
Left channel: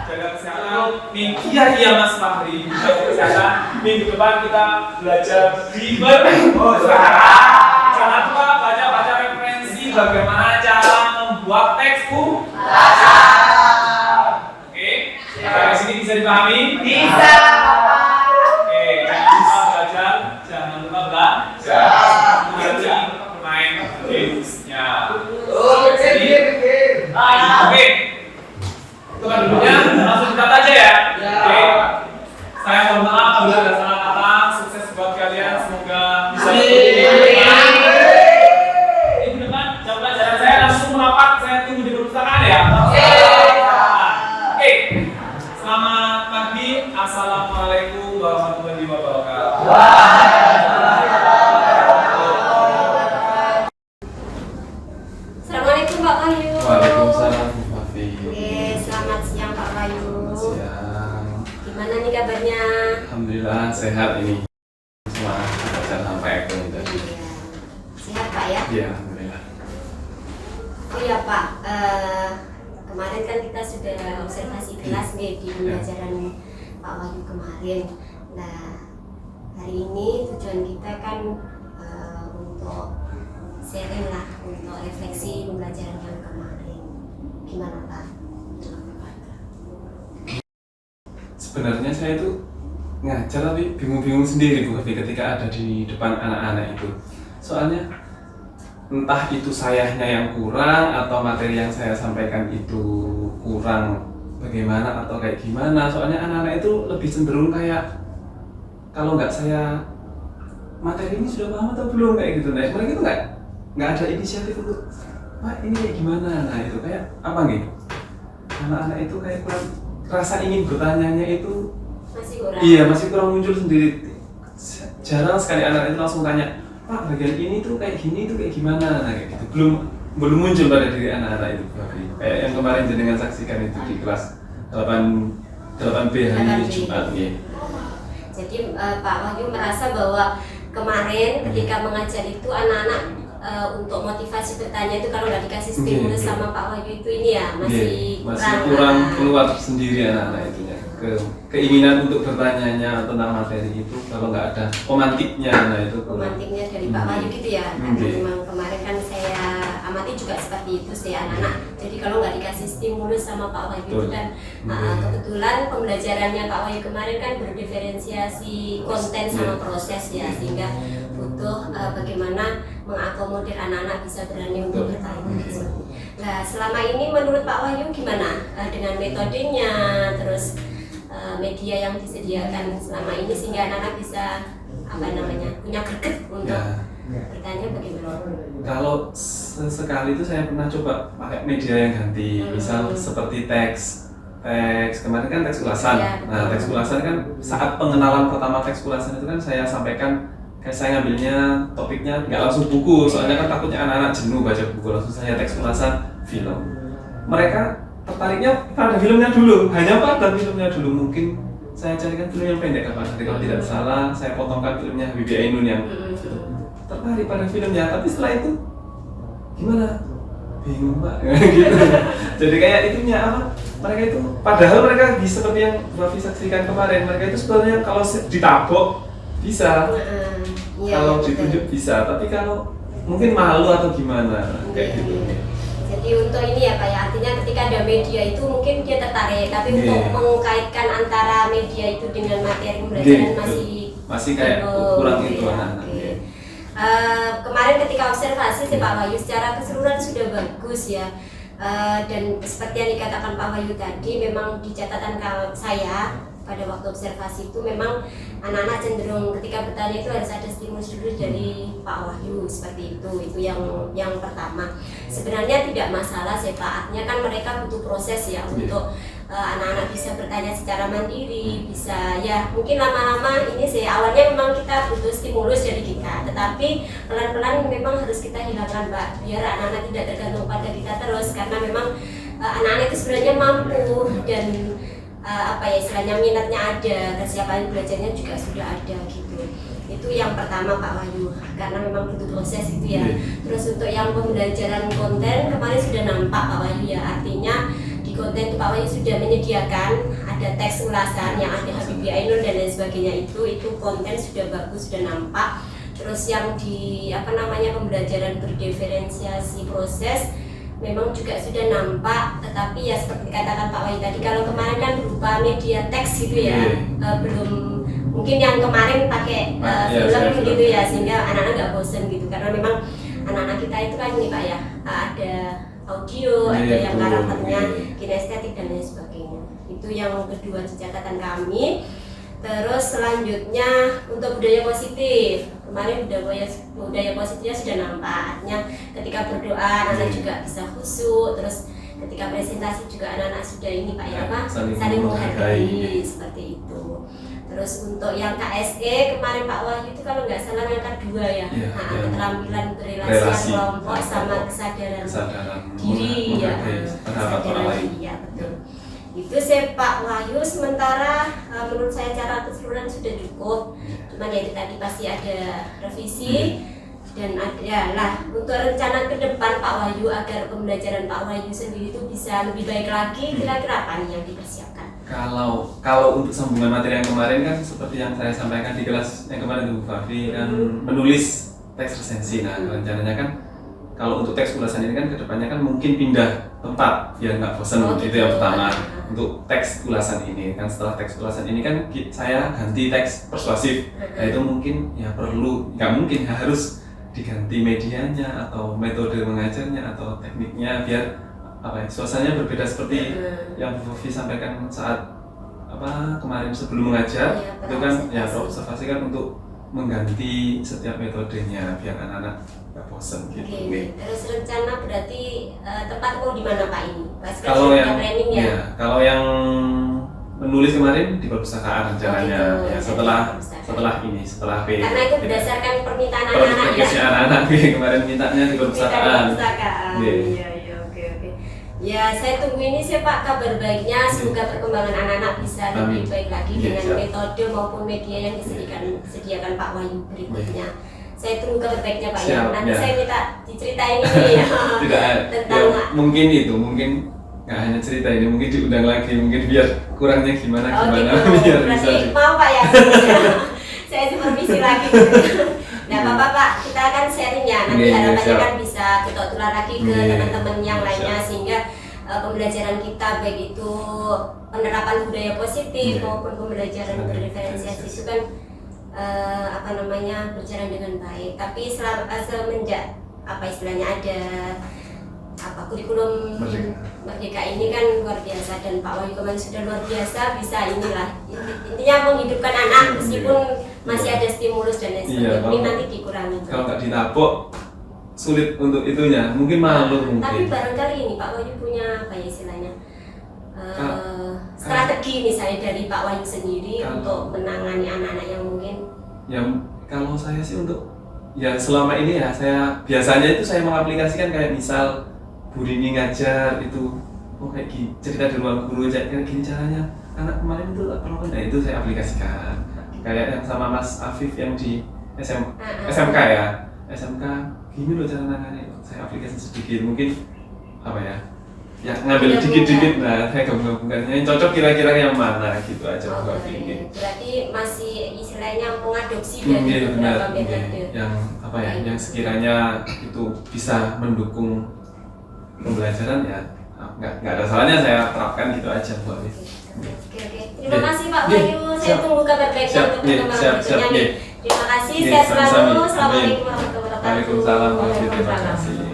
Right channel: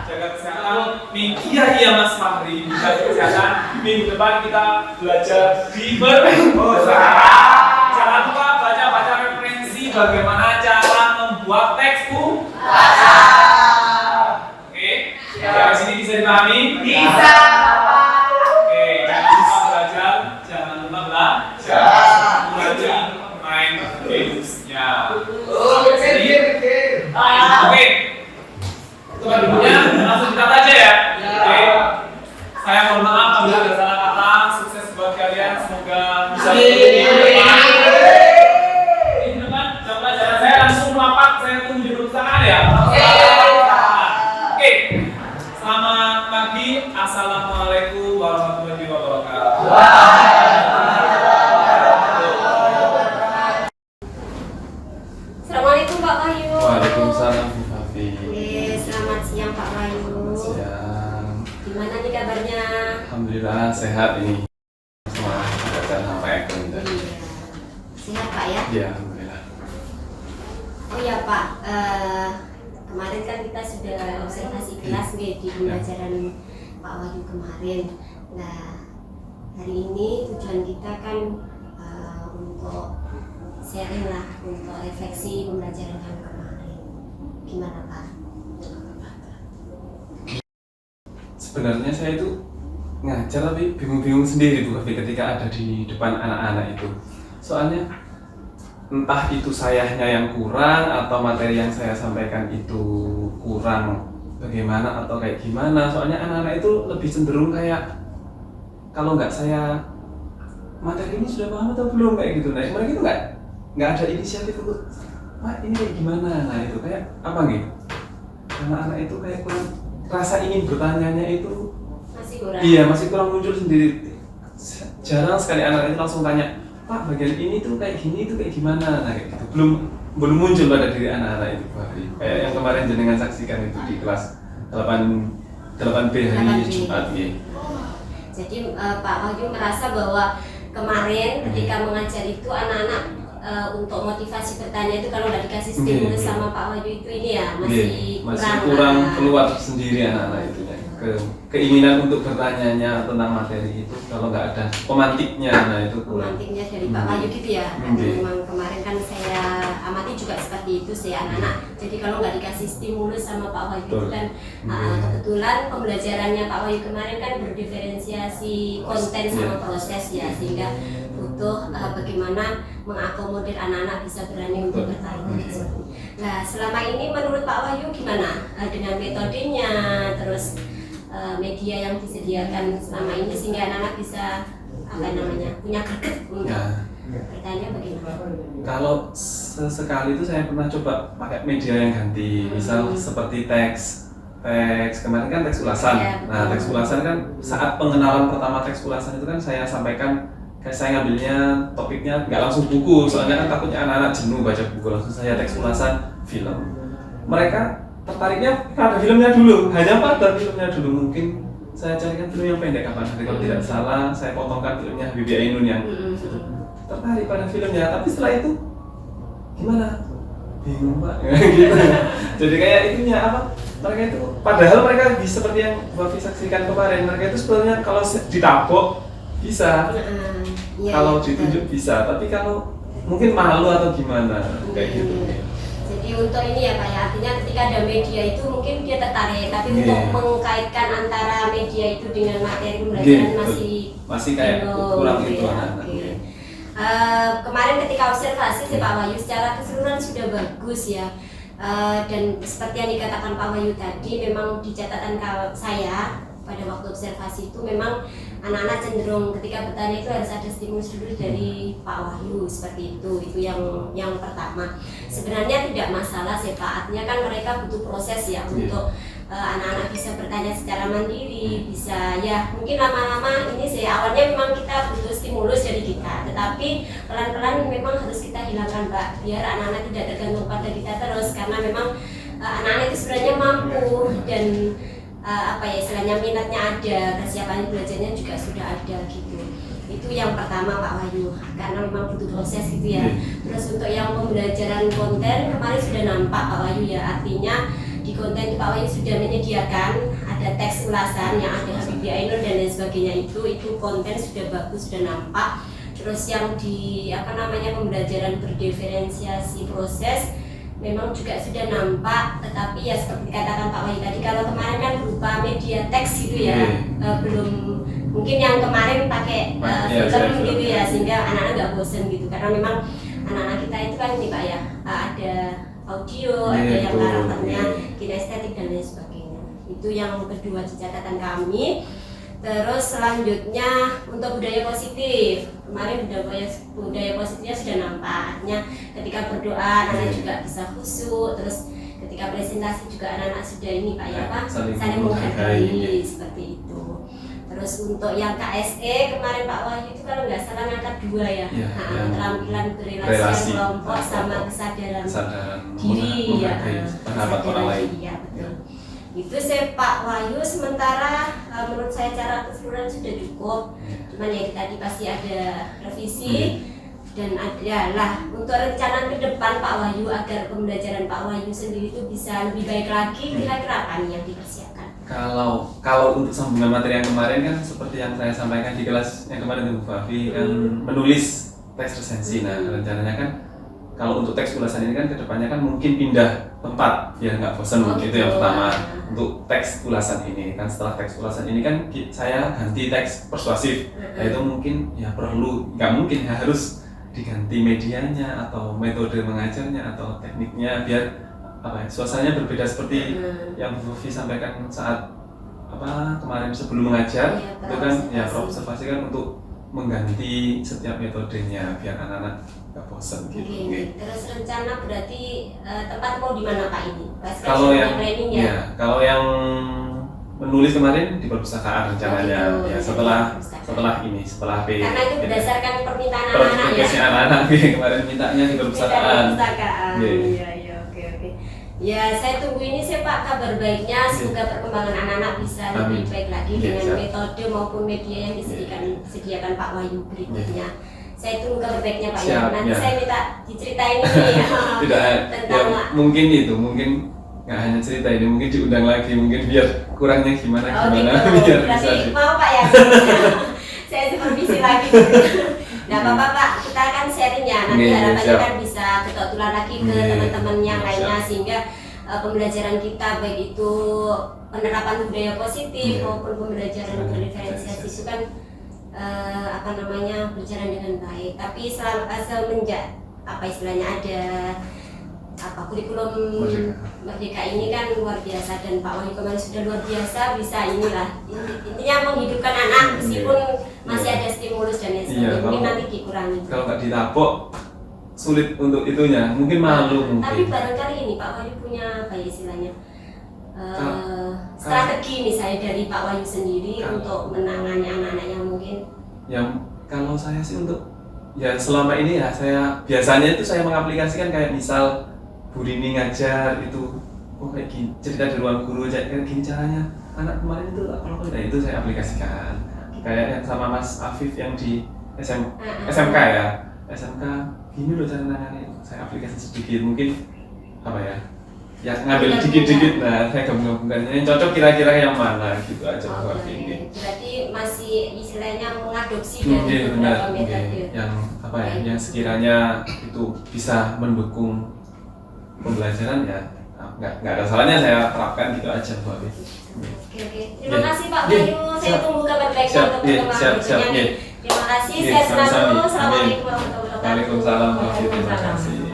Jaga kesehatan. Iya Mas Fahri. Jaga kesehatan. Minggu depan kita belajar jangan lupa baca referensi bagaimana cara membuat teks Oke, sampai sini bisa dipahami? Bisa. Oke, jangan lupa belajar, jangan lupa belajar. Nanti main gamesnya. Oke. Teman dulunya langsung kita aja ya. Oke. Saya mohon maaf apabila ada salah kata. Sukses buat kalian, semoga bisa di depan jam pelajaran saya langsung merapat. Saya tunggu di perpustakaan ya. Oke. Selamat pagi. Assalamualaikum warahmatullahi wabarakatuh. Assalamualaikum Pak Wahyu. Waalaikumsalam Bu Fafi. Oke, selamat siang Pak Wahyu. Selamat siang. Gimana nih kabarnya? Alhamdulillah sehat ini. Semua belajar sampai akhir tadi. Iya. Sehat Pak ya? Iya, alhamdulillah. Oh ya Pak, kemarin kan kita sudah observasi kelas nih di pembelajaran Pak Wahyu kemarin. Nah, hari ini tujuan kita kan untuk sharing lah, untuk refleksi pembelajaran yang kemarin. Gimana Pak? Sebenarnya saya itu ngajar tapi bingung-bingung sendiri Bu Fafi ketika ada di depan anak-anak itu. Soalnya entah itu sayanya yang kurang atau materi yang saya sampaikan itu kurang bagaimana atau kayak gimana. Soalnya anak-anak itu lebih cenderung kayak kalau nggak saya materi ini sudah paham atau belum kayak gitu. Nah mereka itu nggak ada inisiatif untuk ini kayak gimana. Nah itu kayak apa gitu? Anak-anak itu kayak kurang rasa ingin bertanya itu Masih kurang? Iya masih kurang muncul sendiri. Jarang sekali anak itu langsung tanya, Pak bagian ini tuh kayak gini tuh kayak gimana, nah kayak gitu. Belum muncul pada diri anak-anak itu kayak yang kemarin jenengan saksikan itu di kelas 8B hari Jumat ya. Jadi Pak Wahyu merasa bahwa kemarin ketika mengajar itu anak-anak untuk motivasi bertanya itu kalau nggak dikasih stimulus sama Pak Wahyu itu ini ya masih kurang keluar sendiri anak-anak itu ya. Keinginan untuk bertanya tentang materi itu kalau nggak ada pemantiknya, nah itu kurang. Pemantiknya dari Pak Wahyu gitu ya. Karena memang kemarin kan saya amati juga seperti itu sih anak-anak. Jadi kalau nggak dikasih stimulus sama Pak Wahyu itu kan kebetulan pembelajarannya Pak Wahyu kemarin kan berdiferensiasi konten sama proses ya, sehingga butuh bagaimana mengakomodir anak-anak bisa berani untuk bertanya. Nah selama ini menurut Pak Wahyu gimana dengan metodenya, terus media yang disediakan selama ini sehingga anak-anak bisa punya greget untuk bertanya bagaimana? Kalau sesekali itu saya pernah coba pakai media yang ganti, misal seperti teks kemarin kan teks ulasan. Nah teks ulasan kan saat pengenalan pertama teks ulasan itu kan saya sampaikan kayak saya ngambilnya topiknya nggak langsung buku, soalnya kan takutnya anak-anak jenuh baca buku, langsung saya teks ulasan film. Mereka tertariknya pada filmnya dulu, hanya pada filmnya dulu. Mungkin saya carikan film yang pendek apa nanti kalau tidak salah saya potongkan filmnya Habibie Ainun yang tertarik pada filmnya, tapi setelah itu gimana? Bingung Pak gitu. Jadi kayak itunya apa? Mereka itu padahal mereka bisa seperti yang Bapak saksikan kemarin, mereka itu sebenarnya kalau ditabok bisa, kalau ditunjuk bisa, tapi kalau mungkin malu atau gimana kayak gitu. Jadi untuk ini ya Pak ya, artinya ketika ada media itu mungkin dia tertarik, tapi untuk mengkaitkan antara media itu dengan materi pembelajaran masih kayak kurang gitu itu ya. anak-anak. Oke. Kemarin ketika observasi sih Pak Wahyu secara keseluruhan sudah bagus ya. Dan seperti yang dikatakan Pak Wahyu tadi, memang di catatan saya pada waktu observasi itu memang anak-anak cenderung ketika bertanya itu harus ada stimulus dulu dari Pak Wahyu, seperti itu yang pertama. Sebenarnya tidak masalah sih Pak, artinya kan mereka butuh proses ya untuk anak-anak bisa bertanya secara mandiri, bisa ya mungkin lama-lama ini sih awalnya memang kita butuh stimulus dari kita, tetapi pelan-pelan memang harus kita hilangkan Pak, biar anak-anak tidak tergantung pada kita terus, karena memang anak-anak itu sebenarnya mampu dan istilahnya minatnya ada, kesiapan belajarnya juga sudah ada gitu. Itu yang pertama Pak Wahyu, karena memang butuh proses gitu ya. Terus untuk yang pembelajaran konten kemarin sudah nampak Pak Wahyu ya, artinya di konten itu Pak Wahyu sudah menyediakan ada teks ulasan yang ada Habibie Ainur dan lain sebagainya, itu konten sudah bagus, sudah nampak. Terus yang di pembelajaran berdiferensiasi proses memang juga sudah nampak, tetapi ya seperti dikatakan Pak Wahyu tadi, kalau kemarin kan berupa media teks gitu ya, belum mungkin yang kemarin pakai film gitu ya, sehingga anak-anak nggak bosen gitu, karena memang anak-anak kita itu kan ini Pak ya, ada audio, ada yang karakternya kinestetik dan lain sebagainya. Itu yang kedua di catatan kami. Terus selanjutnya untuk budaya positif, kemarin budaya positifnya sudah nampak, artinya ketika berdoa anak-anak juga bisa khusyuk, terus ketika presentasi juga anak-anak sudah ini Pak ya saling menghargai seperti itu. Terus untuk yang KSE kemarin Pak Wahyu itu kalau nggak salah ngangkat 2 ya, keterampilan berrelasi kelompok sama kesadaran diri ya, kesadaran diri ya betul. Itu saya Pak Wahyu, sementara menurut saya cara keseluruhan sudah cukup, cuman ya tadi pasti ada revisi dan adalah untuk rencana ke depan Pak Wahyu agar pembelajaran Pak Wahyu sendiri itu bisa lebih baik lagi, kira-kira apa nih yang dipersiapkan? Kalau untuk sambungan materi yang kemarin kan seperti yang saya sampaikan di kelas yang kemarin itu Bu Fafi kan menulis teks resensi. Nah rencananya kan kalau untuk teks ulasan ini kan kedepannya kan mungkin pindah tempat biar nggak bosan, itu yang pertama untuk teks ulasan ini. Kan setelah teks ulasan ini kan saya ganti teks persuasif, nah itu mungkin ya perlu, nggak mungkin harus diganti medianya atau metode mengajarnya atau tekniknya biar suasananya berbeda seperti yang Bu Fafi sampaikan saat kemarin sebelum mengajar, itu kan ya observasi kan untuk mengganti setiap metodenya biar anak-anak nggak bosan gitu. Terus rencana berarti tempat mau di mana Pak ini? Kalau yang kalau yang menulis kemarin di perpustakaan rencananya ya setelah P. Karena itu berdasarkan permintaan anak-anak ya. Anak-anak kemarin mintanya di perpustakaan. Iya oke. Ya saya tunggu ini sih Pak kabar baiknya, semoga perkembangan anak-anak bisa lebih baik lagi dengan metode maupun media yang disediakan Pak Wahyu berikutnya. Saya tunggu kabar baiknya Pak ya. Nanti saya minta diceritain ini ya. Tentang mungkin nggak hanya cerita ini, mungkin diundang lagi, mungkin biar kurangnya gimana biar berarti bisa mau Pak ya. Saya supervisi lagi. Nah Pak, kita akan sharing ya, nanti harapannya kan bisa ketutulan lagi ke teman-teman yang lainnya, sehingga pembelajaran kita baik itu penerapan budaya positif maupun pembelajaran berdiferensiasi itu kan berjalan dengan baik. Tapi semenjak ada kurikulum Merdeka ini kan luar biasa, dan Pak Wahyu kemarin sudah luar biasa, bisa intinya menghidupkan anak meskipun masih ada stimulus dan lain sebagainya, mungkin nanti dikurangi. Kalau nggak ditapok sulit untuk itunya, mungkin malu Tapi barangkali ini Pak Wahyu punya strategi misalnya dari Pak Wahyu sendiri untuk menangani anak-anak yang mungkin. Ya kalau saya sih selama ini ya saya biasanya itu saya mengaplikasikan kayak misal Bu Rini ngajar itu, kayak gini, cerita di ruang guru kayak gini caranya, anak kemarin itu itu saya aplikasikan. Kayak yang sama Mas Afif yang di SMK ya, SMK gini loh cara nangani, saya aplikasi sedikit, mungkin ngambil dikit-dikit, nah saya gabung-gabungkan yang cocok kira-kira yang mana gitu aja. Berarti masih istilahnya mengadopsi dari beberapa metode yang yang sekiranya itu bisa mendukung pembelajaran ya nggak ada salahnya saya terapkan gitu aja Bu Afif. Oke. Terima kasih Pak Iya, Bayu. Saya siap. tunggu kabar baiknya Siap, untuk iya, perkembangan siap, berikutnya. iya. Terima kasih. Iya, Sehat selalu. sama-sama. Assalamualaikum warahmatullahi wabarakatuh. Waalaikumsalam warahmatullahi wabarakatuh.